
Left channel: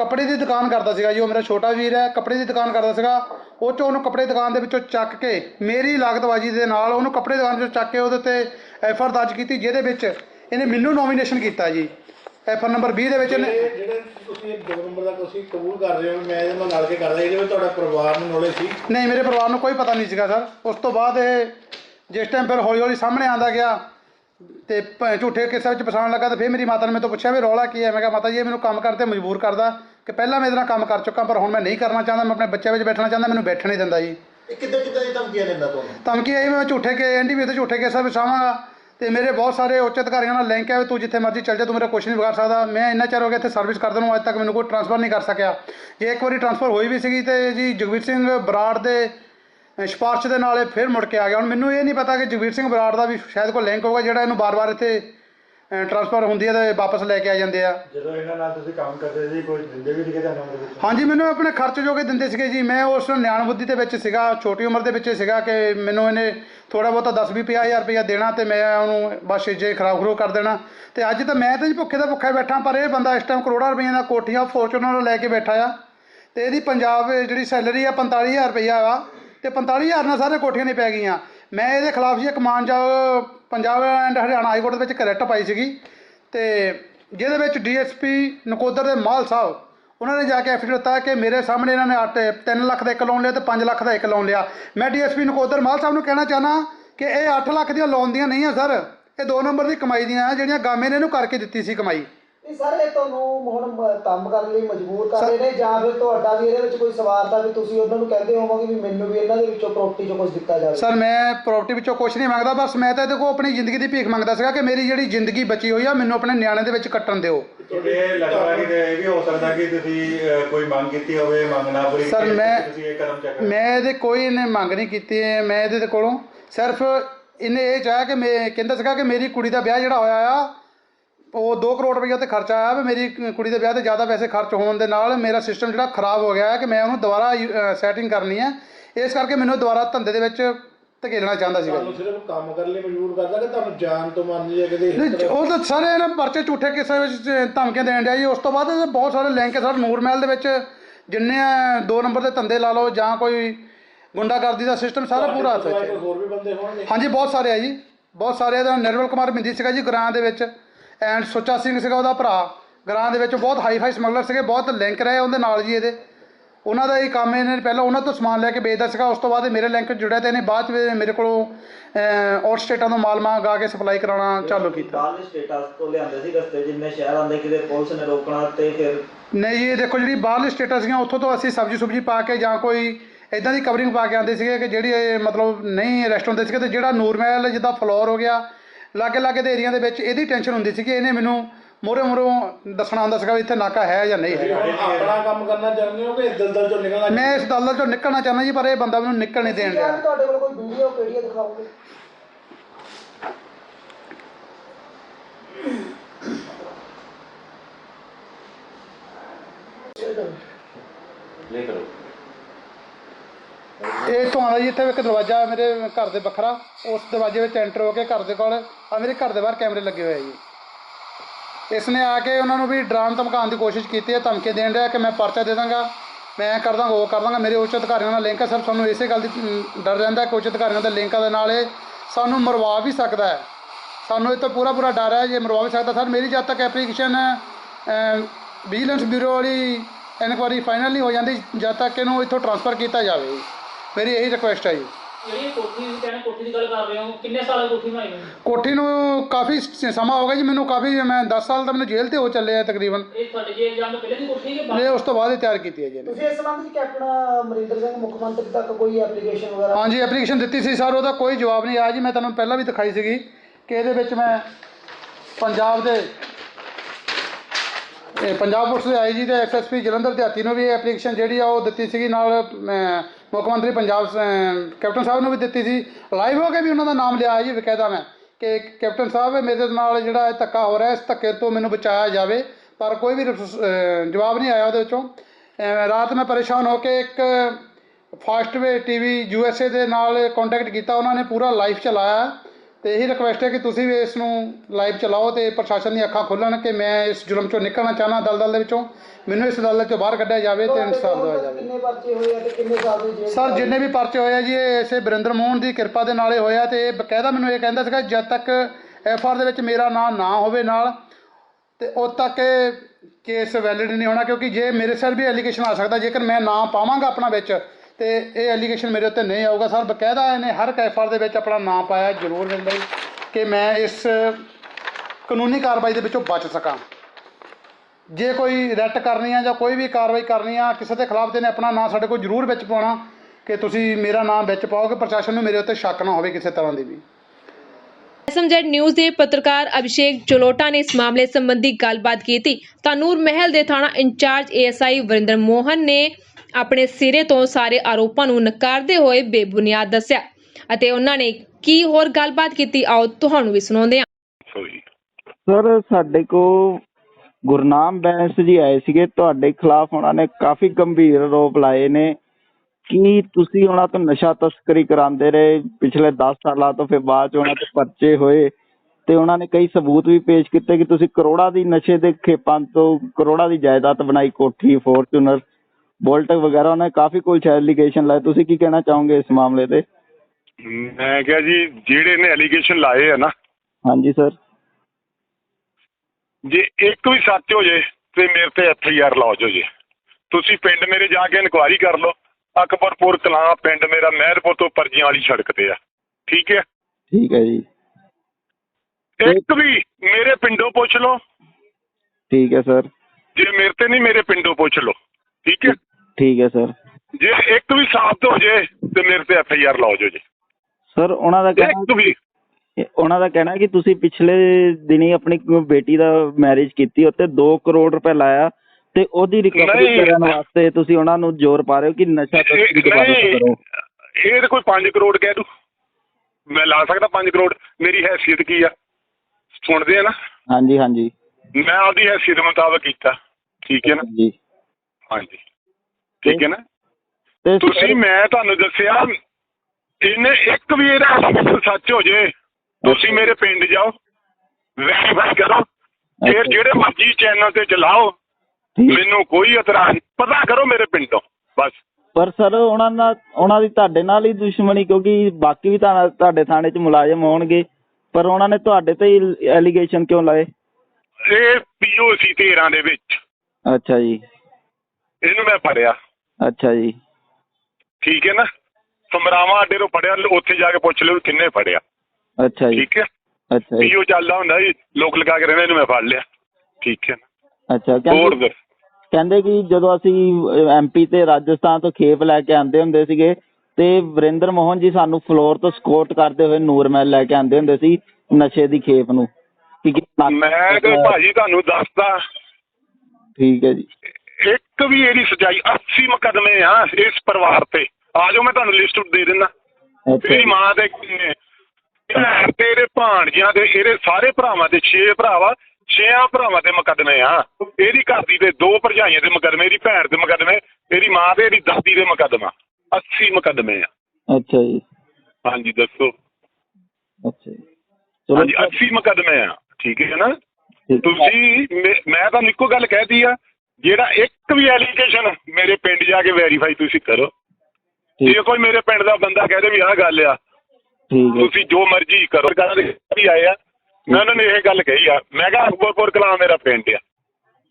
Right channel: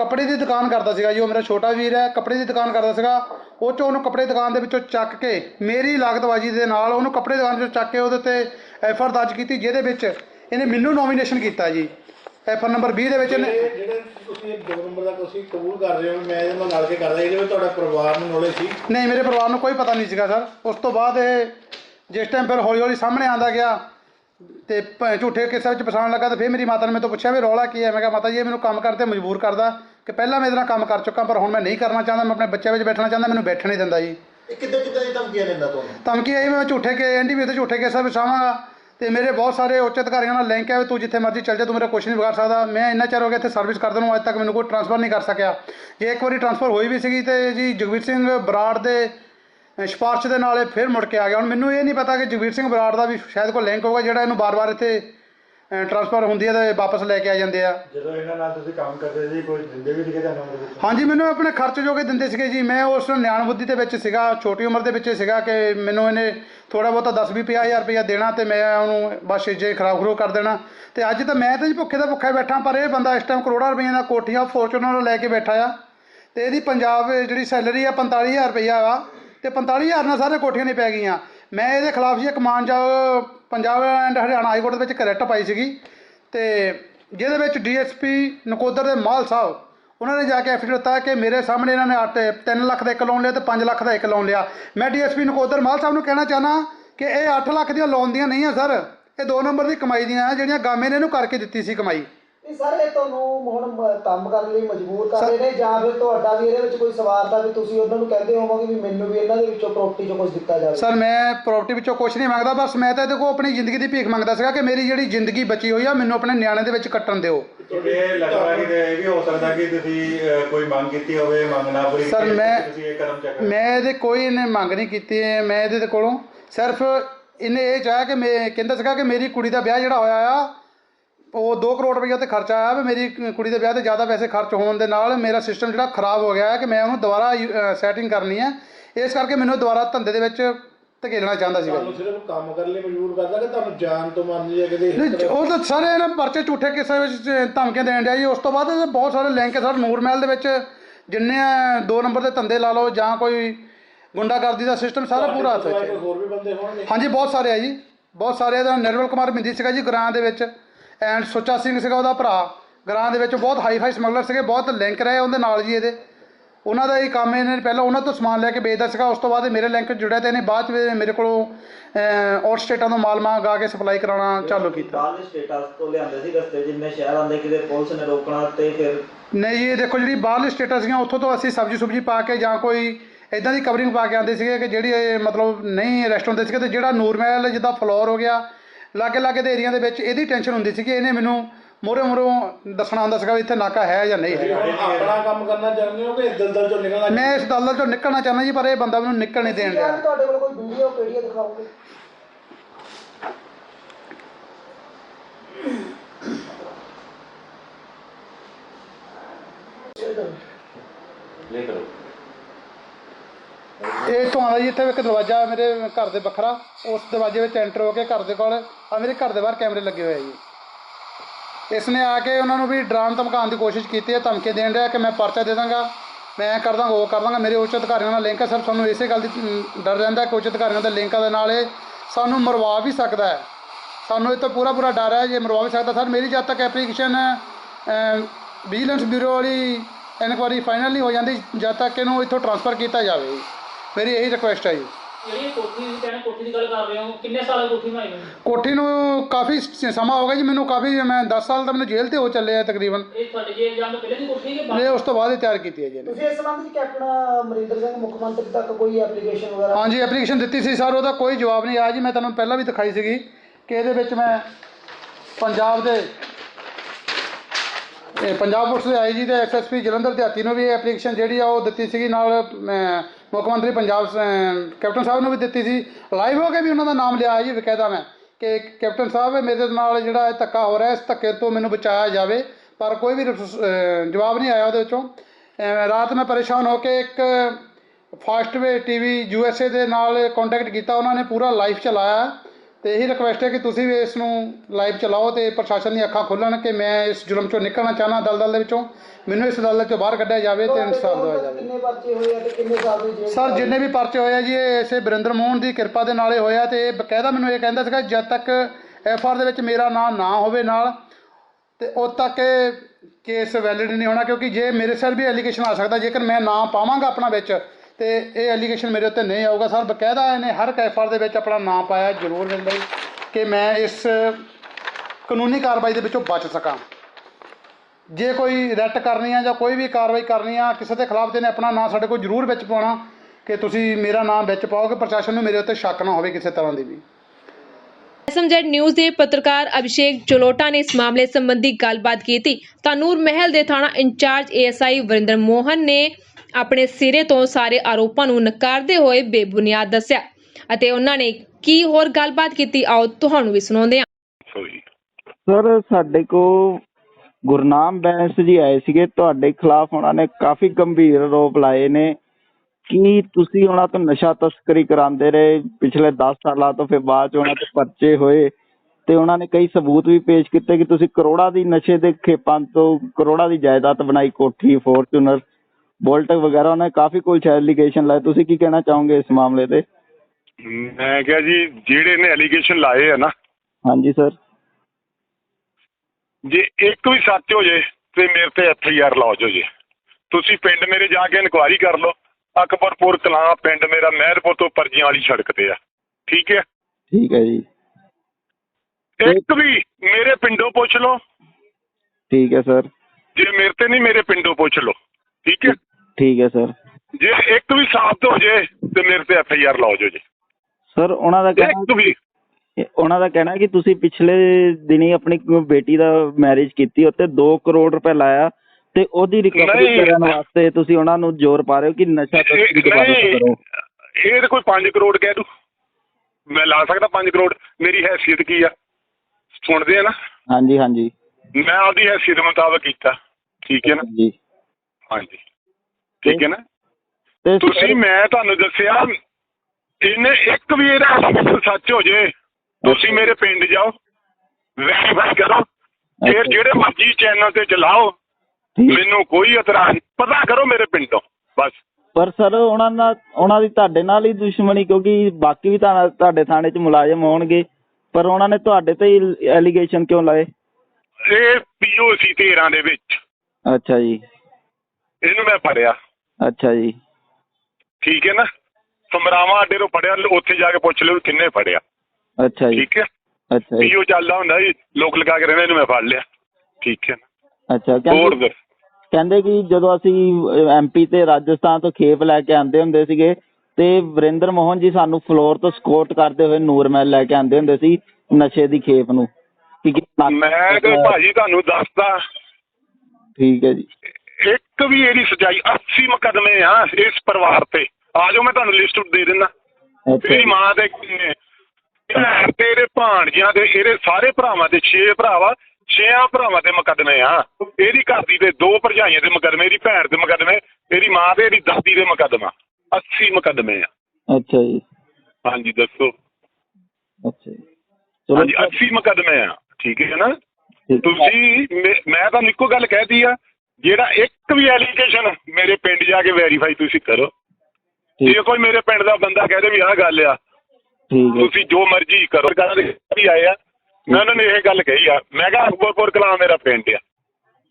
ਕੱਪੜੇ ਦੀ ਦੁਕਾਨ ਕਰਦਾ ਸੀਗਾ ਜੀ ਉਹ ਮੇਰਾ ਛੋਟਾ ਵੀਰ ਹੈ ਕੱਪੜੇ ਦੀ ਦੁਕਾਨ ਕਰਦਾ ਸੀਗਾ। ਉਹ ਚੋਂ ਉਹਨੂੰ ਕੱਪੜੇ ਦੁਕਾਨ ਦੇ ਵਿੱਚੋਂ ਚੱਕ ਕੇ ਮੇਰੀ ਲਾਗਤਬਾਜ਼ੀ ਦੇ ਨਾਲ ਉਹਨੂੰ ਕੱਪੜੇ ਦੁਕਾਨ ਵਿੱਚੋਂ ਚੱਕ ਕੇ ਉਹਦੇ ਉੱਤੇ ਐਫ ਆਰ ਦਰਜ ਕੀਤੀ ਜਿਹਦੇ ਵਿੱਚ ਇਹਨੇ ਮੈਨੂੰ ਨੋਮੀਨੇਸ਼ਨ ਕੀਤਾ ਜੀ। ਐਫ ਆਰ ਨੰਬਰ 20 ਦੇ ਵਿੱਚ ਇਹਨੇ ਜਿਹੜੇ ਜਿਹੜੇ ਤੁਸੀਂ ਇਹ ਦੋ ਨੰਬਰ ਦਾ ਤੁਸੀਂ ਕਬੂਲ ਕਰ ਰਹੇ ਹੋ ਮੈਂ ਇਹਦੇ ਨਾਲ ਨਾਲ ਕੇ ਕਰਦਾ ਇਹਦੇ ਵਿੱਚ ਤੁਹਾਡਾ ਪਰਿਵਾਰ ਨੂੰ ਨੌਲੇਜ ਸੀ। ਨਹੀਂ ਮੇਰੇ ਪਰਿਵਾਰ ਨੂੰ ਕੋਈ ਪਤਾ ਨਹੀਂ ਸੀਗਾ ਸਰ। ਉਸ ਤੋਂ ਬਾਅਦ ਇਹ ਜਿਸ ਟਾਈਮ ਫਿਰ ਹੌਲੀ ਹੌਲੀ ਸਾਹਮਣੇ ਆਂਦਾ ਗਿਆ ਤੇ ਝੂਠੇ ਕਿਸੇ ਵਿੱਚ ਫਸਾਉਣ ਲੱਗਾ ਤੇ ਫਿਰ ਮੇਰੀ ਮਾਤਾ ਨੇ ਮੇਰੇ ਤੋਂ ਪੁੱਛਿਆ ਵੀ ਰੌਲਾ ਕੀ ਹੈ? ਮੈਂ ਕਿਹਾ ਮਾਤਾ ਜੀ ਇਹ ਮੈਨੂੰ ਕੰਮ ਕਰਨ ਤੇ ਮਜਬੂਰ ਕਰਦਾ। ਕਿ ਪਹਿਲਾਂ ਮੈਂ ਇਹਦੇ ਨਾਲ ਕੰਮ ਕਰ ਚੁੱਕਾ ਪਰ ਹੁਣ ਮੈਂ ਨਹੀਂ ਕਰਨਾ ਚਾਹੁੰਦਾ ਮੈਂ ਆਪਣੇ ਬੱਚਿਆਂ ਵਿੱਚ ਬੈਠਣਾ ਚਾਹੁੰਦਾ ਮੈਨੂੰ ਬੈਠਣ ਨਹੀਂ ਦਿੰਦਾ ਜੀ। ਇਹ ਕਿੱਦਾਂ ਕਿੱਦਾਂ ਦੀ ਧਮਕੀਆਂ ਦਿੰਦਾ ਤੁਹਾਨੂੰ? ਧਮਕੀ ਆਈ ਮੈਂ ਝੂਠੇ ਕੇ ਐਨਡੀਵੀ ਤੇ ਝੂਠੇ ਕੇਸਾਂ ਵਿਛਾਵਾਂਗਾ ਤੇ ਮੇਰੇ ਬਹੁਤ ਸਾਰੇ ਉੱਚ ਅਧਿਕਾਰੀਆਂ ਨਾਲ ਲਿੰਕ ਹੈ ਵੀ ਤੂੰ ਜਿੱਥੇ ਮਰਜ਼ੀ ਚੱਲ ਜਾ ਤੂੰ ਮੇਰਾ ਕੁਝ ਨਹੀਂ ਵਿਗਾੜ ਸਕਦਾ। ਮੈਂ ਇੰਨਾ ਚਿਰ ਹੋ ਗਿਆ ਇੱਥੇ ਸਰਵਿਸ ਕਰਦੇ ਨੂੰ ਅੱਜ ਤੱਕ ਮੈਨੂੰ ਕੋਈ ਟਰਾਂਸਫਰ ਨਹੀਂ ਕਰ ਸਕਿਆ। ਜੇ ਇੱਕ ਵਾਰੀ ਟਰਾਂਸਫਰ ਹੋਈ ਵੀ ਸੀਗੀ ਤੇ ਜੀ ਜਗਵੀਰ ਸਿੰਘ ਬਰਾੜ ਦੇ ਸਿਫਾਰਿਸ਼ ਦੇ ਨਾਲ ਇਹ ਫਿਰ ਮੁੜ ਕੇ ਆ ਗਿਆ। ਹੁਣ ਮੈਨੂੰ ਇਹ ਨਹੀਂ ਪਤਾ ਕਿ ਜਗਵੀਰ ਸਿੰਘ ਬਰਾੜ ਦਾ ਵੀ ਸ਼ਾਇਦ ਕੋਈ ਲਿੰਕ ਹੋਊਗਾ ਜਿਹੜਾ ਇਹਨੂੰ ਬਾਰ-ਬਾਰ ਇੱਥੇ ਟਰਾਂਸਫਰ ਹੁੰਦੀ ਹੈ ਤੇ ਵਾਪਸ ਲੈ ਕੇ ਆ ਜਾਂਦੇ ਆ। ਜਦੋਂ ਇਹਨਾਂ ਨਾਲ ਤੁਸੀਂ ਕੰਮ ਕਰਦੇ ਸੀ ਕੋਈ ਦਿੰਦੇ ਵੀ ਸੀਗੇ ਤੁਹਾਨੂੰ ਉਹਦੇ ਵਿੱਚ? ਹਾਂਜੀ ਮੈਨੂੰ ਆਪਣੇ ਖਰਚ ਜੋਗੇ ਦਿੰਦੇ ਸੀਗੇ ਜੀ ਮੈਂ ਉਸ ਨਿਆਣ ਬੁੱਧੀ ਦੇ ਵਿੱਚ ਸੀਗਾ ਛੋਟੀ ਉਮਰ ਦੇ ਵਿੱਚ ਸੀਗਾ ਕਿ ਮੈਨੂੰ ਇਹਨੇ ਥੋੜਾ ਬਹੁਤਾ 10 ਵੀਹ ਪੰਜਾਹ ਹਜ਼ਾਰ ਰੁਪਇਆ ਦੇਣਾ ਤੇ ਮੈਂ ਉਹਨੂੰ ਬਸ ਜੇ ਖਰਾਬ ਖਰੂਬ ਕਰ ਦੇਣਾ। ਤੇ ਅੱਜ ਤਾਂ ਮੈਂ ਤਾਂ ਜੀ ਭੁੱਖੇ ਦਾ ਭੁੱਖਾ ਹੀ ਬੈਠਾ ਪਰ ਇਹ ਬੰਦਾ ਇਸ ਟਾਈਮ ਕਰੋੜਾਂ ਰੁਪਈਆਂ ਦਾ ਕੋਠੀਆਂ ਫੋਰਚੂਨਰ ਲੈ ਕੇ ਬੈਠਾ ਆ। ਤੇ ਇਹਦੀ ਪੰਜਾਬ ਜਿਹੜੀ ਸੈਲਰੀ ਆ 45000 ਰੁਪਈਆ ਵਾ ਤੇ 45000 ਨਾਲ ਸਾਰੇ ਕੋਠੀਆਂ ਨਹੀਂ ਪੈ ਗਈਆਂ। ਮੈਂ ਇਹਦੇ ਖਿਲਾਫ ਜੀ ਇੱਕ ਮਾਨਯੋਗ Punjab and Haryana high court ਦੇ ਵਿੱਚ ਕਰੈਕਟ ਪਾਈ ਸੀਗੀ ਤੇ ਜਿਹਦੇ ਵਿੱਚ ਡੀਐਸਪੀ ਨਕੋਦਰ ਦੇ ਮਾਲ ਸਾਹਿਬ, ਉਹਨਾਂ ਨੇ ਜਾ ਕੇ ਐਫੀਡੇਵਿਟ ਦਿੱਤਾ ਕਿ ਮੇਰੇ ਸਾਹਮਣੇ ਇਹਨਾਂ ਨੇ 8 3 ਲੱਖ ਦਾ ਇੱਕ ਲੋਨ ਲਿਆ ਤੇ 5 ਲੱਖ ਦਾ ਇੱਕ ਲੋਨ ਲਿਆ। ਮੈਂ ਡੀਐਸਪੀ ਨਕੋਦਰ ਮਾਲ ਸਾਹਿਬ ਨੂੰ ਕਹਿਣਾ ਚਾਹਨਾ ਕਿ ਇਹ 8 ਲੱਖ ਦੀਆਂ ਲੋਨ ਦੀਆਂ ਨਹੀਂ ਆ ਸਰ, ਇਹ 2 ਨੰਬਰ ਦੀ ਕਮਾਈ ਦੀਆਂ ਆ, ਜਿਹੜੀਆਂ ਗਾਮੇ ਨੇ ਇਹਨੂੰ ਕਰਕੇ ਦਿੱਤੀ ਸੀ ਕਮਾਈ। ਇਹ ਸਾਰੇ ਤੁਹਾਨੂੰ ਹੁਣ ਮ- ਕੰਮ ਕਰਨ ਲਈ ਮਜਬੂਰ ਕਰ ਰਹੇ ਨੇ ਜਾਂ ਫਿਰ ਤੁਹਾਡਾ ਵੀ ਇਹਦੇ ਵਿੱਚ ਕੋਈ ਸਵਾਰਥ ਆ ਵੀ ਤੁਸੀਂ ਉਹਨਾਂ ਨੂੰ ਕਹਿੰਦੇ ਹੋਵੋਗੇ ਵੀ ਮੈਨੂੰ ਵੀ ਇਹਨਾਂ ਦੇ ਵਿੱਚੋਂ ਪ੍ਰਾਪਰਟੀ ਚੋਂ ਕੁਝ ਦਿੱਤਾ ਜਾਵੇ? ਸਰ ਮੈਂ ਪ੍ਰਾਪਰਟੀ ਵਿੱਚੋਂ ਕੁਝ ਨਹੀਂ ਮੰਗਦਾ ਬਸ ਮੈਂ ਤਾਂ ਇਹਦੇ ਕੋਲ ਆਪਣੀ ਜ਼ਿੰਦਗੀ ਦੀ ਭੀਖ ਮੰਗਦਾ ਸੀਗਾ ਕਿ ਮੇਰੀ ਜਿਹੜੀ ਜ਼ਿੰਦਗੀ ਬਚੀ ਹੋਈ ਆ ਮੈਨੂੰ ਆਪਣੇ ਨਿਆਣੇ ਦੇ ਵਿੱਚ ਕੱਟਣ ਦਿਓ। ਇਹ ਲੱਗਦਾ ਕਿ ਇਹ ਵੀ ਹੋ ਸਕਦਾ ਕਿ ਤੁਸੀਂ ਕੋਈ ਮੰਗ ਕੀਤੀ ਹੋਵੇ ਮੰਗ ਨਾ ਪੂਰੀ ਸਰ, ਕੀਤੀ, ਮੈਂ- ਮੈਂ ਇਹਦੇ ਕੋਈ ਇਹਨੇ ਮੰਗ ਨਹੀਂ ਕੀਤੀ ਮੈਂ ਇਹਦੇ ਕੋਲੋਂ ਸਿਰਫ ਇਹਨੇ ਇਹ ਚਾਹਿਆ ਕਿ ਮੈਂ ਕਹਿੰਦਾ ਸੀਗਾ ਕਿ ਮੇਰੀ ਕੁੜੀ ਦਾ ਵਿਆਹ ਜਿਹੜਾ ਹੋਇਆ ਆ ਉਹ 2 ਕਰੋੜ ਰੁਪਏ ਤੇ ਖਰਚਾ ਆਇਆ ਵੀ ਮੇਰੀ ਕੁੜੀ ਦੇ ਵਿਆਹ ਤੇ ਜ਼ਿਆਦਾ ਪੈਸੇ ਖਰਚ ਹੋਣ ਦੇ ਨਾਲ ਮੇਰਾ ਸਿਸਟਮ ਜਿਹੜਾ ਖਰਾਬ ਹੋ ਗਿਆ ਹੈ ਕਿ ਮੈਂ ਉਹਨੂੰ ਦੁਬਾਰਾ ਸੈਟਿੰਗ ਕਰਨੀ ਹੈ। ਇਸ ਕਰਕੇ ਮੈਨੂੰ ਦੁਬਾਰਾ ਧੰਦੇ ਦੇ ਵਿੱਚ ਧਕੇਲਣਾ ਚਾਹੁੰਦਾ ਸੀਗਾ। ਤੁਹਾਨੂੰ ਸਿਰਫ ਕੰਮ ਕਰਨ ਲਈ ਮਜਬੂਰ ਕਰਦਾ ਕਿ ਤੁਹਾਨੂੰ ਜਾਨ ਤੋਂ ਮਾਰਨ ਜਾਂ ਕਿਤੇ ਇਸ ਨਹੀਂ, ਤਰ੍ਹਾਂ? ਉਹ ਤਾਂ ਸਾਰੇ ਇਹਨਾਂ ਪਰਚੇ ਝੂਠੇ ਕਿਸੇ ਵਿੱਚ ਧਮਕੀਆਂ ਦੇਣ ਡਿਆ ਜੀ। ਉਸ ਤੋਂ ਬਾਅਦ ਬਹੁਤ ਸਾਰੇ ਲਿੰਕ ਸਰ ਨੂਰ ਮਹਿਲ ਦੇ ਵਿੱਚ। ਜਿੰਨੇ ਆ, ਦੋ ਨੰਬਰ ਦੇ ਧੰਦੇ ਲਾ ਲਓ ਜਾਂ ਕੋਈ ਗੁੰਡਾਗਰਦੀ ਦਾ ਸਿਸਟਮ ਸਾਰਾ ਪੂਰਾ ਹੱਥ ਵਿੱਚ ਕੋਈ ਹੈ। ਹੋਰ ਵੀ ਬੰਦੇ ਹੋਣਗੇ? ਹਾਂਜੀ ਬਹੁਤ ਸਾਰੇ ਆ ਜੀ। ਬਹੁਤ ਸਾਰੇ ਆ। ਨਿਰਮਲ ਕੁਮਾਰ ਬਿੰਦੀ ਸੀਗਾ ਜੀ ਗਰਾਂ ਦੇ ਵਿੱਚ। ਐਂਡ ਸੁੱਚਾ ਸਿੰਘ ਸੀਗਾ ਉਹਦਾ ਭਰਾ। ਗਰਾਂ ਦੇ ਵਿੱਚ ਬਹੁਤ ਹਾਈ ਫਾਈ ਸਮਗਲਰ ਸੀਗੇ ਬਹੁਤ ਲਿੰਕ ਰਹੇ ਉਹਦੇ ਨਾਲ ਜੀ ਇਹਦੇ। ਉਹਨਾਂ ਦਾ ਹੀ ਕੰਮ ਇਹਨੇ ਪਹਿਲਾਂ ਉਹਨਾਂ ਤੋਂ ਸਮਾਨ ਲੈ ਕੇ ਵੇਚਦਾ ਸੀਗਾ ਉਸ ਤੋਂ ਬਾਅਦ ਇਹ ਮੇਰੇ ਲਿੰਕ ਜੁੜਿਆ ਤੇ ਇਹਨੇ ਬਾਅਦ 'ਚ ਵੀ ਮੇਰੇ ਕੋਲੋਂ ਆਊਟ ਸਟੇਟਾਂ ਤੋਂ ਮਾਲ ਮੰਗਾ ਕੇ ਸਪਲਾਈ ਕਰਾਉਣਾ ਚਾਲੂ ਕੀਤਾ। ਬਾਹਰਲੇ ਸਟੇਟਾਂ ਤੋਂ ਲਿਆਂਦੇ ਸੀ ਰਸਤੇ ਜਿੰਨੇ ਸ਼ਹਿਰ ਆਉਂਦੇ ਕਿਤੇ ਪੁਲਿਸ ਨੇ ਰੋਕਣਾ ਤੇ ਫਿਰ ਨਹੀਂ ਜੀ ਇਹ ਦੇਖੋ ਜਿਹੜੀ ਬਾਹਰਲੀ ਸਟੇਟਾਂ ਸੀਗੀਆਂ ਉੱਥੋਂ ਤੋਂ ਅਸੀਂ ਸਬਜ਼ੀ ਸੁਬਜੀ ਪਾ ਕੇ ਜਾਂ ਕੋਈ ਇਦਾਂ ਦੀ ਕਵਰਿੰਗ ਪਾ ਕੇ ਆਉਂਦੇ ਸੀਗੇ ਕਿ ਜਿਹੜੀ ਇਹ ਮਤਲਬ ਨਹੀਂ ਅਰੈਸਟ ਹੁੰਦੇ ਸੀਗੇ ਤੇ ਜਿਹੜਾ ਨੂਰ ਮਹਿਲ ਜਿੱਦਾਂ ਫਲੋਰ ਹੋ ਗਿਆ ਲਾਗੇ ਲਾਗੇ ਦੇ ਏਰੀਆ ਦੇ ਵਿੱਚ ਇਹਦੀ ਟੈਨਸ਼ਨ ਹੁੰਦੀ ਸੀ ਕਿ ਇਹਨੇ ਮੈਨੂੰ ਮੋਰੇ ਮੋਰੋਂ ਦੱਸਣਾ ਹੁੰਦਾ ਸੀਗਾ ਵੀ ਇੱਥੇ ਨਾਕਾ ਹੈ ਜਾਂ ਨਹੀਂ। ਹੈ ਆਪਣਾ ਕੰਮ ਕਰਨਾ ਚਾਹੁੰਦੇ ਹੋ ਕਿ ਇਸ ਦਲਦਲ ਚੋਂ ਨਿਕਲਣਾ ਮੈਂ ਇਸ ਦਲਦਲ ਚੋਂ ਨਿਕਲਣਾ ਚਾਹੁੰਦਾ ਜੀ ਪਰ ਇਹ ਬੰਦਾ ਮੈਨੂੰ ਨਿਕਲ ਨਹੀਂ ਦੇਣ ਰਿਹਾ ਵੀ ਤੁਹਾਡੇ ਕੋਲ ਕੋਈ ਵੀਡੀਓ ਕਿਹੜੀ ਦਿਖਾਓਗੇ? ਇਹ ਤੋਂ ਆਉਂਦਾ ਜੀ, ਇੱਥੇ ਇੱਕ ਦਰਵਾਜ਼ਾ ਮੇਰੇ ਘਰ ਦੇ ਵੱਖਰਾ, ਉਸ ਦਰਵਾਜ਼ੇ ਵਿੱਚ ਐਂਟਰ ਹੋ ਕੇ ਘਰ ਦੇ ਕੋਲ ਆ ਮੇਰੇ ਘਰ ਦੇ ਬਾਹਰ ਕੈਮਰੇ ਲੱਗੇ ਹੋਏ ਆ ਜੀ। ਇਸ ਨੇ ਆ ਕੇ ਉਹਨਾਂ ਨੂੰ ਵੀ ਡਰਾਉਣ ਧਮਕਾਉਣ ਦੀ ਕੋਸ਼ਿਸ਼ ਕੀਤੀ ਹੈ, ਧਮਕੀ ਦੇਣ ਰਿਹਾ ਕਿ ਮੈਂ ਪਰਚਾ ਦੇ ਦਾਂਗਾ, ਮੈਂ ਕਰ ਦਾਂਗਾ, ਉਹ ਕਰ ਦਾਂਗਾ, ਮੇਰੇ ਉੱਚ ਅਧਿਕਾਰੀਆਂ ਨਾਲ ਲਿੰਕ ਹੈ, ਸਰ ਸਾਨੂੰ ਇਸੇ ਗੱਲ ਦੀ ਡਰ ਰਹਿੰਦਾ ਕਿ ਉੱਚ ਅਧਿਕਾਰੀਆਂ ਦੇ ਲਿੰਕਾਂ ਦੇ ਨਾਲ ਇਹ ਸਾਨੂੰ ਮਰਵਾ ਵੀ ਸਕਦਾ ਹੈ। ਸਾਨੂੰ ਇਹ ਤੋਂ ਪੂਰਾ ਪੂਰਾ ਡਰ ਹੈ, ਜੇ ਮਰਵਾ ਵੀ ਸਕਦਾ, ਸਰ, ਮੇਰੀ ਜਦ ਤੱਕ ਐਪਲੀਕੇਸ਼ਨ ਵਿਜੀਲੈਂਸ ਬਿਊਰੋ ਵਾਲੀ ਇਨਕੁਆਰੀ ਫਾਈਨਲ ਨਹੀਂ ਹੋ ਜਾਂਦੀ, ਜਦ ਤੱਕ ਇਹਨੂੰ ਇੱਥੋਂ ਟਰਾਂਸਫਰ ਕੀਤਾ ਜਾਵੇ। ਮੇਰੀ ਇਹੀ ਰਿਕੁਐਸਟ ਹੈ ਜੀ। ਜਿਹੜੀ ਇਹ ਕੋਠੀ ਦੀ ਕਹਿੰਦੇ ਕੋਠੀ ਦੀ ਗੱਲ ਕਰ ਰਹੇ ਹੋ ਕਿੰਨੇ ਸਾਲ ਕੋਠੀ ਬਣਾਈ ਹੋਈ ਕੋਠੀ ਨੂੰ ਕਾਫੀ ਸ- ਸਮਾਂ ਹੋ ਗਿਆ ਜੀ ਮੈਨੂੰ ਕਾਫੀ ਮੈਂ 10 ਸਾਲ ਤਾਂ ਮੈਨੂੰ ਜੇਲ੍ਹ ਤੇ ਹੋ ਚੱਲੇ ਆ ਤਕਰੀਬਨ। ਇਹ ਤੁਹਾਡੇ ਜੇ ਜਾਣ ਤੋਂ ਪਹਿਲੇ ਦੀ ਕੋਠੀ ਕਿ ਬਾਅਦ ਇਹ ਉਸ ਤੋਂ ਬਾਅਦ ਹੀ ਤਿਆਰ ਕੀਤੀ ਹੈ ਜੀ ਇਹਨੇ। ਤੁਸੀਂ ਇਸ ਸੰਬੰਧ ਵਿੱਚ ਕੈਪਟਨ ਅਮਰਿੰਦਰ ਸਿੰਘ ਮੁੱਖ ਮੰਤਰੀ ਤੱਕ ਕੋਈ ਐਪਲੀਕੇਸ਼ਨ ਵਗੈਰਾ? ਹਾਂਜੀ ਐਪਲੀਕੇਸ਼ਨ ਦਿੱਤੀ ਸੀ ਸਰ ਉਹਦਾ ਕੋਈ ਜਵਾਬ ਨਹੀਂ ਆਇਆ ਜੀ। ਮੈਂ ਤੁਹਾਨੂੰ ਪਹਿਲਾਂ ਵੀ ਦਿਖਾਈ ਸੀਗੀ ਕਿ ਇਹਦੇ ਵਿੱਚ ਮੈਂ ਪੰਜਾਬ ਦੇ ਇਹ ਪੰਜਾਬ ਪੁਲਿਸ ਦੇ ਆਈਜੀ ਤੇ ਐਸਐਸਪੀ ਜਲੰਧਰ ਦਿਹਾਤੀ ਨੂੰ ਵੀ ਇਹ ਐਪਲੀਕੇਸ਼ਨ ਜਿਹੜੀ ਆ ਉਹ ਦਿੱਤੀ ਸੀਗੀ। ਨਾਲ ਅਮ, ਮੁੱਖ ਮੰਤਰੀ ਪੰਜਾਬ ਸ- ਕੈਪਟਨ ਸਾਹਿਬ ਨੂੰ ਵੀ ਦਿੱਤੀ ਸੀ। ਲਾਈਵ ਹੋ ਕੇ ਵੀ ਉਹਨਾਂ ਦਾ ਨਾਮ ਲਿਆ ਜੀ, ਬਕਾਇਦਾ ਮੈਂ ਕਿ ਕੈਪਟਨ ਸਾਹਿਬ ਮੇਰੇ ਨਾਲ ਜਿਹੜਾ ਇਹ ਧੱਕਾ ਹੋ ਰਿਹਾ, ਇਸ ਧੱਕੇ ਤੋਂ ਮੈਨੂੰ ਬਚਾਇਆ ਜਾਵੇ, ਪਰ ਕੋਈ ਵੀ ਰਿਸ- ਜਵਾਬ ਨਹੀਂ ਆਇਆ ਉਹਦੇ ਵਿੱਚੋਂ। ਰਾਤ ਮੈਂ ਪਰੇਸ਼ਾਨ ਹੋ ਕੇ ਇੱਕ ਫਾਸਟਵੇ ਟੀਵੀ ਯੂਐਸਏ ਦੇ ਨਾਲ ਕੰਟੈਕਟ ਕੀਤਾ, ਉਹਨਾਂ ਨੇ ਪੂਰਾ ਲਾਈਵ ਚਲਾਇਆ। ਤੇ ਇਹੀ ਰਿਕਵੈਸਟ ਹੈ ਕਿ ਤੁਸੀਂ ਵੀ ਇਸ ਨੂੰ ਲਾਈਵ ਚਲਾਓ ਤੇ ਪ੍ਰਸ਼ਾਸਨ ਦੀਆਂ ਅੱਖਾਂ ਖੋਲਣ ਕਿ ਮੈਂ ਇਸ ਜ਼ੁਲਮ ਚੋਂ ਨਿਕਲਣਾ ਚਾਹਨਾ ਦਲਦਲ ਦੇ ਵਿੱਚੋਂ। ਮੈਨੂੰ ਇਸ ਦਲਦਲ ਚੋਂ ਬਾਹਰ ਕੱਢਿਆ ਜਾਵੇ ਤੇ ਇਨਸਾਫ ਦਿਵਾਇਆ ਜਾਵੇ। ਕਿੰਨੇ ਪਰਚੇ ਹੋਏ ਆ ਤੇ ਕਿੰਨੇ ਸਾਲ ਦੀ ਜੇਲ੍ਹ ਸਰ ਜਿੰਨੇ ਵੀ ਪਰਚੇ ਹੋਏ ਆ ਜੀ ਇਹ ਇਸੇ ਬਰਿੰਦਰ ਮੋਹਨ ਦੀ ਕਿਰਪਾ ਦੇ ਨਾਲ ਹੀ ਹੋਇਆ ਤੇ ਇਹ ਬਕਾਇਦਾ ਮੈਨੂੰ ਇਹ ਕਹਿੰਦਾ ਸੀਗਾ ਜਦ ਤੱਕ ਐਫ ਆਰ ਦੇ ਵਿੱਚ ਮੇਰਾ ਨਾਮ ਨਾ ਹੋਵੇ ਨਾਲ ਤੇ ਉਦ ਤੱਕ ਇਹ ਕੇਸ ਵੈਲਿਡ ਨਹੀਂ ਹੋਣਾ ਕਿਉਂਕਿ ਜੇ ਮੇਰੇ ਸਿਰ ਵੀ ਐਲੀਗੇਸ਼ਨ ਆ ਸਕਦਾ ਜੇਕਰ ਮੈਂ ਨਾਮ ਪਾਵਾਂਗਾ ਆਪਣਾ ਵਿੱਚ ਤੇ ਇਹ ਐਲੀਗੇਸ਼ਨ ਮੇਰੇ ਉੱਤੇ ਨਹੀਂ ਆਊਗਾ। ਸਰ, ਬਕਾਇਦਾ ਇਹਨੇ ਹਰ ਐਫ ਆਰ ਦੇ ਵਿੱਚ ਆਪਣਾ ਨਾਮ ਪਾਇਆ, ਜ਼ਰੂਰ ਮੇਰੇ ਲਈ, ਕਿ ਮੈਂ ਇਸ ਕਾਨੂੰਨੀ ਕਾਰਵਾਈ ਦੇ ਵਿੱਚੋਂ ਬਚ ਸਕਾਂ। ਜੇ ਕੋਈ ਰੈਟ ਕਰਨੀ ਆ ਜਾਂ ਕੋਈ ਵੀ ਕਾਰਵਾਈ ਕਰਨੀ ਆ, ਕਿਸੇ ਦੇ ਖਿਲਾਫ ਤੇ ਇਹਨੇ ਆਪਣਾ ਨਾਂ ਸਾਡੇ ਕੋਲ ਜ਼ਰੂਰ ਵਿੱਚ ਪਾਉਣਾ, ਕਿ ਤੁਸੀਂ ਮੇਰਾ ਨਾਮ ਵਿੱਚ ਪਾਓਗੇ ਪ੍ਰਸ਼ਾਸਨ ਨੂੰ ਮੇਰੇ ਉੱਤੇ ਸ਼ੱਕ ਨਾ ਹੋਵੇ ਕਿਸੇ ਤਰ੍ਹਾਂ ਦੀ ਵੀ। ਐਸਐਮਜ਼ੈਡ ਨਿਊਜ਼ ਦੇ ਪੱਤਰਕਾਰ ਅਭਿਸ਼ੇਕ ਚਲੋਟਾ ਨੇ ਇਸ ਮਾਮਲੇ ਸੰਬੰਧੀ ਗੱਲਬਾਤ ਕੀਤੀ। ਤਾਂ ਨੂਰ ਮਹਿਲ ਦੇ ਥਾਣਾ ਇੰਚਾਰਜ ਏਐਸਆਈ ਵਰਿੰਦਰ ਮੋਹਨ ਨੇ ਆਪਣੇ ਸਿਰੇ ਤੋਂ ਸਾਰੇ ਆਰੋਪਾਂ ਨੂੰ ਨਕਾਰਦੇ ਹੋਏ ਬੇਬੁਨਿਆਦ ਦੱਸਿਆ ਅਤੇ ਉਹਨਾਂ ਨੇ ਕੀ ਹੋਰ ਗੱਲਬਾਤ ਕੀਤੀ ਆਓ ਤੁਹਾਨੂੰ ਵੀ ਸੁਣਾਉਂਦੇ ਹਾਂ। ਸਰ। ਸਾਡੇ ਕੋ ਗੁਰਨਾਮ ਬੈਂਸ ਜੀ ਆਏ ਸੀਗੇ। ਤੁਹਾਡੇ ਖਿਲਾਫ ਉਹਨਾਂ ਨੇ ਕਾਫੀ ਗੰਭੀਰ ਆਰੋਪ ਲਾਏ ਨੇ। ਕਿ ਤੁਸੀਂ ਉਹਨਾਂ ਤੋਂ ਨਸ਼ਾ ਤਸਕਰੀ ਕਰਾਉਂਦੇ ਰਹੇ? ਪਿਛਲੇ 10 ਸਾਲਾਂ ਤੋਂ ਫਿਰ ਬਾਅਦ ਚ ਉਹਨਾਂ ਤੇ ਪਰਚੇ ਹੋਏ ਤੇ ਉਹਨਾਂ ਨੇ ਕਈ ਸਬੂਤ ਵੀ ਪੇਸ਼ ਕੀਤੇ ਕਿ ਤੁਸੀਂ ਕਰੋੜਾਂ ਦੀ ਨਸ਼ੇ ਦੇ ਖੇਪਾਂ ਤੋਂ ਕਰੋੜਾਂ ਦੀ ਜਾਇਦਾਦ ਬਣਾਈ ਕੋਠੀ ਫੋਰਚੂਨਰ ਬੋਲਟ ਵਗੈਰਾ ਉਹਨਾਂ ਨੇ ਕਾਫੀ ਕੁਝ ਐਲੀਗੇਸ਼ਨ ਲਾਏ। ਤੁਸੀਂ ਕੀ ਕਹਿਣਾ ਚਾਹੋਗੇ ਇਸ ਮਾਮਲੇ ਤੇ? ਮੈਂ ਕਿਹਾ ਜੀ ਜਿਹੜੇ ਨੇ ਐਲੀਗੇਸ਼ਨ ਲਾਏ ਆ ਨਾ। ਹਾਂਜੀ ਸਰ ਜੇ ਇੱਕ ਵੀ ਸੱਚ ਹੋ ਜੇ ਤੇ ਮੇਰੇ ਤੇ ਐਫ ਆਈ ਆਰ ਲਾਓ ਜੇ ਤੁਸੀਂ ਪਿੰਡ ਮੇਰੇ ਜਾ ਕੇ ਇਨਕੁਆਇਰੀ ਕਰ ਲਓ। ਅਕਬਰਪੁਰ ਕਲਾਂ ਪਿੰਡ ਮੇਰਾ ਮਹਿਰਪੁਰ ਤੋਂ ਪਰਜੀਆਂ ਵਾਲੀ ਸੜਕ ਤੇ ਆ। ਠੀਕ ਹੈ? ਠੀਕ ਹੈ ਜੀ। ਇੱਕ ਵੀ ਮੇਰੇ ਪਿੰਡੋਂ ਪੁੱਛ ਲਓ। ਠੀਕ ਹੈ ਸਰ ਜੇ ਮੇਰੇ ਤੇ ਨਹੀਂ ਮੇਰੇ ਪਿੰਡੋਂ ਪੁੱਛ ਲਓ। ਠੀਕ ਹੈ? ਠੀਕ ਹੈ ਸਰ। ਜੇ ਇੱਕ ਵੀ ਸਾਬਤ ਹੋ ਜੇ ਤੇ ਮੇਰੇ ਤੇ ਐਫ ਆਈ ਆਰ ਲਾਓ ਜੇ ਸਰ ਉਹਨਾਂ ਦਾ ਕਹਿਣਾ ਇੱਕ ਵੀ। ਉਹਨਾਂ ਦਾ ਕਹਿਣਾ ਕਿ ਤੁਸੀਂ ਪਿਛਲੇ ਦਿਨੀ ਆਪਣੀ ਬੇਟੀ ਦਾ ਮੈਰਿਜ ਕੀਤੀ ਉੱਤੇ 2 ਕਰੋੜ ਰੁਪਏ ਲਾਇਆ ਤੇ ਉਹਦੀ ਰਿਕਵਰੀ ਨਹੀਂ। ਕਰਨ ਵਾਸਤੇ ਤੁਸੀਂ ਉਹਨਾਂ ਨੂੰ ਜ਼ੋਰ ਪਾ ਰਹੇ ਹੋ ਕਿ ਨਸ਼ਾ ਤਸਕਰੀ ਨਹੀਂ ਕਰੋ। ਇਹ ਤਾਂ ਕੋਈ 5 ਕਰੋੜ ਕਹਿ ਦੂ। ਮੈਂ ਲਾ ਸਕਦਾ 5 ਕਰੋੜ। ਮੇਰੀ ਹੈਸੀਅਤ ਕੀ ਆ? ਸੁਣਦੇ ਆ ਨਾ? ਹਾਂਜੀ ਹਾਂਜੀ। ਮੈਂ ਆਪਦੀ ਹੈਸੀਅਤ ਮੁਤਾਬਕ ਕੀਤਾ। ਠੀਕ ਹੈ ਨਾ? ਜੀ ਹਾਂਜੀ। ਠੀਕ ਹੈ ਨਾ? ਤੁਸੀਂ ਮੈਂ ਤੁਹਾਨੂੰ ਦੱਸਿਆ ਇਹਨੇ ਇੱਕ ਵੀ ਇਹਦਾ ਸੱਚ ਹੋ ਜੇ ਤੁਸੀਂ ਮੇਰੇ ਪਿੰਡ ਜਾਓ ਵੈਰੀਫਾਈ ਕਰੋ ਫਿਰ। ਜਿਹੜੇ ਮਰਜ਼ੀ ਚੈਨਲ ਤੇ ਚਲਾਓ। ਮੈਨੂੰ ਕੋਈ ਇਤਰਾਜ਼ ਨਹੀਂ ਪਤਾ ਕਰੋ ਮੇਰੇ ਪਿੰਡੋਂ ਬਸ। ਪਰ ਸਰ ਉਹਨਾਂ ਨਾਲ ਉਹਨਾਂ ਦੀ ਤੁਹਾਡੇ ਨਾਲ ਹੀ ਦੁਸ਼ਮਣੀ ਕਿਉਂਕਿ ਬਾਕੀ ਵੀ ਤੁਹਾਡੇ ਥਾਣੇ 'ਚ ਮੁਲਾਜ਼ਮ ਹੋਣਗੇ ਪਰ ਉਹਨਾਂ ਨੇ ਤੁਹਾਡੇ ਤੇ ਹੀ ਐਲੀਗੇਸ਼ਨ ਕਿਉਂ ਲਾਏ? ਇਹ ਪੀਓਸੀ 13 ਦੇ ਵਿੱਚ। ਅੱਛਾ ਜੀ। ਇਹਨੂੰ ਮੈਂ ਫੜਿਆ। ਅੱਛਾ ਜੀ। ਠੀਕ ਹੈ ਨਾ? ਸਮਰਾਵਾਂ ਅੱਡੇ ਤੋਂ ਫੜਿਆ ਉੱਥੇ ਜਾ ਕੇ ਪੁੱਛ ਲਿਓ ਕਿੰਨੇ ਫੜਿਆ। ਅੱਛਾ ਜੀ। ਠੀਕ ਹੈ? ਅੱਛਾ ਜੀ। ਪੀਓ ਚੱਲਦਾ ਹੁੰਦਾ ਜੀ ਲੋਕ ਲਗਾ ਕੇ ਰਹਿੰਦੇ ਇਹਨੂੰ ਮੈਂ ਫੜ ਲਿਆ। ਠੀਕ ਹੈ ਅੱਛਾ ਹੋਰ ਕਹਿੰਦੇ ਦੱਸ। ਕਹਿੰਦੇ ਕਿ ਜਦੋਂ ਅਸੀਂ ਐਮਪੀ ਤੇ ਰਾਜਸਥਾਨ ਤੋਂ ਖੇਪ ਲੈ ਕੇ ਆਂਦੇ ਹੁੰਦੇ ਸੀਗੇ ਤੇ ਵਰਿੰਦਰ ਮੋਹਨ ਜੀ ਸਾਨੂੰ ਫਲੋਰ ਤੋਂ ਸਕੋਟ ਕਰਦੇ ਹੋਏ ਨੂਰ ਮਹਿਲ ਲੈ ਕੇ ਆਂਦੇ ਹੁੰਦੇ ਸੀ ਨਸ਼ੇ ਦੀ ਖੇਪ ਨੂੰ। ਕਿ ਕਿ- ਮੈਂ ਭਾਜੀ ਤੁਹਾਨੂੰ ਦੱਸਦਾ। ਠੀਕ ਹੈ ਜੀ। ਇੱਕ ਵੀ ਇਹਦੀ ਸਚਾਈ 80 ਮੁਕੱਦਮੇ ਆ ਇਸ ਪਰਿਵਾਰ ਤੇ। ਆ ਜਾਓ ਮੈਂ ਤੁਹਾਨੂੰ ਲਿਸਟ ਦੇ ਦਿੰਦਾ। ਤੇਰੀ ਜੀ। ਮਾਂ ਦੇ ਕਿੰਨੇ ਭੈਣ ਤੇ ਇਹਦੇ ਭਾਣਜੀਆਂ ਦੇ ਇਹਦੇ ਸਾਰੇ ਭਰਾਵਾਂ ਦੇ 6 ਭਰਾਵਾ ਛੇਆਂ ਭਰਾਵਾਂ ਦੇ ਮੁਕੱਦਮੇ ਆ। ਇਹਦੀ ਘਰ ਦੀ ਦੇ ਦੋ ਭਰਜਾਈਆਂ ਦੇ ਮੁਕੱਦਮੇ ਇਹਦੀ ਭੈਣ ਦੇ ਮੁਕੱਦਮੇ ਇਹਦੀ ਮਾਂ ਦੇ ਇਹਦੀ ਦਾਦੀ ਦੇ ਮੁਕੱਦਮਾ। 80 ਮੁਕੱਦਮੇ ਆ। ਅੱਛਾ ਜੀ। ਹਾਂਜੀ ਦੱਸੋ। ਅੱਛਾ ਜੀ। ਚਲੋ ਹਾਂਜੀ 80 ਮੁਕੱਦਮੇ ਆ। ਠੀਕ ਹੈ ਨਾ? ਤੁਸੀਂ ਮੇ- ਮੈਂ ਤਾਂ ਇੱਕੋ ਗੱਲ ਕਹਿਤੀ ਆ। ਜਿਹੜਾ ਇੱਕ ਵੀ ਐਲੀਗੇਸ਼ਨ ਮੇਰੇ ਪਿੰਡ ਜਾ ਕੇ ਵੈਰੀਫਾਈ ਤੁਸੀਂ ਕਰੋ। ਜੇ ਕੋਈ ਮੇਰੇ ਪਿੰਡ ਦਾ ਬੰਦਾ ਕਹਦੇ ਵੀ ਆਹ ਗੱਲ ਆ ਤੁਸੀਂ ਜੋ ਮਰਜ਼ੀ ਕਰੋ। ਕਹਿੰਦਾ ਦੇ ਵੀ ਆਏ ਆ ਮੈਂ ਉਹਨਾਂ ਨੇ ਇਹ ਗੱਲ ਕਹੀ ਆ ਮੈਂ ਕਿਹਾ ਅਕਬਰਪੁਰ ਕਲਾਂ ਮੇਰਾ ਪਿੰਡ ਆ।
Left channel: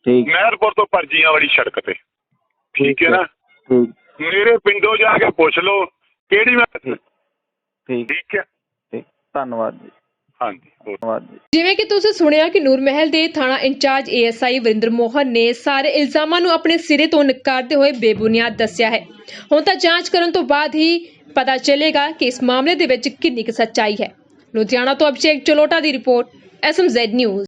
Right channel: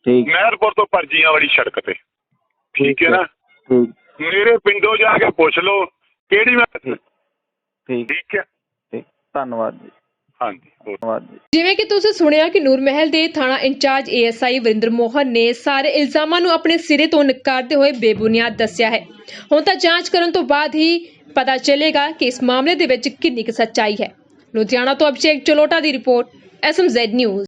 ਠੀਕ। ਮਹਿਰਪੁਰ ਤੋਂ ਪਰਜੀਆਂ ਵਾਲੀ ਸੜਕ ਤੇ। ਠੀਕ ਹੈ ਨਾ? ਮੇਰੇ ਪਿੰਡੋਂ ਜਾ ਕੇ ਪੁੱਛ ਲਓ ਕਿਹੜੀ ਮੈਂ ਠੀਕ। ਹੈ। ਧੰਨਵਾਦ ਜੀ। ਹਾਂਜੀ, ਹੋਰ। ਜਿਵੇਂ ਕਿ ਤੁਸੀਂ ਸੁਣਿਆ ਕਿ ਨੂਰ ਮਹਿਲ ਦੇ ਥਾਣਾ ਇੰਚਾਰਜ ਏਐਸਆਈ ਵਰਿੰਦਰ ਮੋਹਨ ਨੇ ਸਾਰੇ ਇਲਜ਼ਾਮਾਂ ਨੂੰ ਆਪਣੇ ਸਿਰੇ ਤੋਂ ਨਕਾਰਦੇ ਹੋਏ ਬੇਬੁਨਿਆਦ ਦੱਸਿਆ ਹੈ। ਹੁਣ ਤਾਂ ਜਾਂਚ ਕਰਨ ਤੋਂ ਬਾਅਦ ਹੀ ਪਤਾ ਚੱਲੇਗਾ ਕਿ ਇਸ ਮਾਮਲੇ ਦੇ ਵਿੱਚ ਕਿੰਨੀ ਕੁ ਸੱਚਾਈ ਹੈ। ਲੁਧਿਆਣਾ ਤੋਂ ਅਭਿਸ਼ੇਕ ਚਲੋਟਾ ਦੀ ਰਿਪੋਰਟ, ਐਸਐਮਜ਼ੈਡ ਨਿਊਜ਼।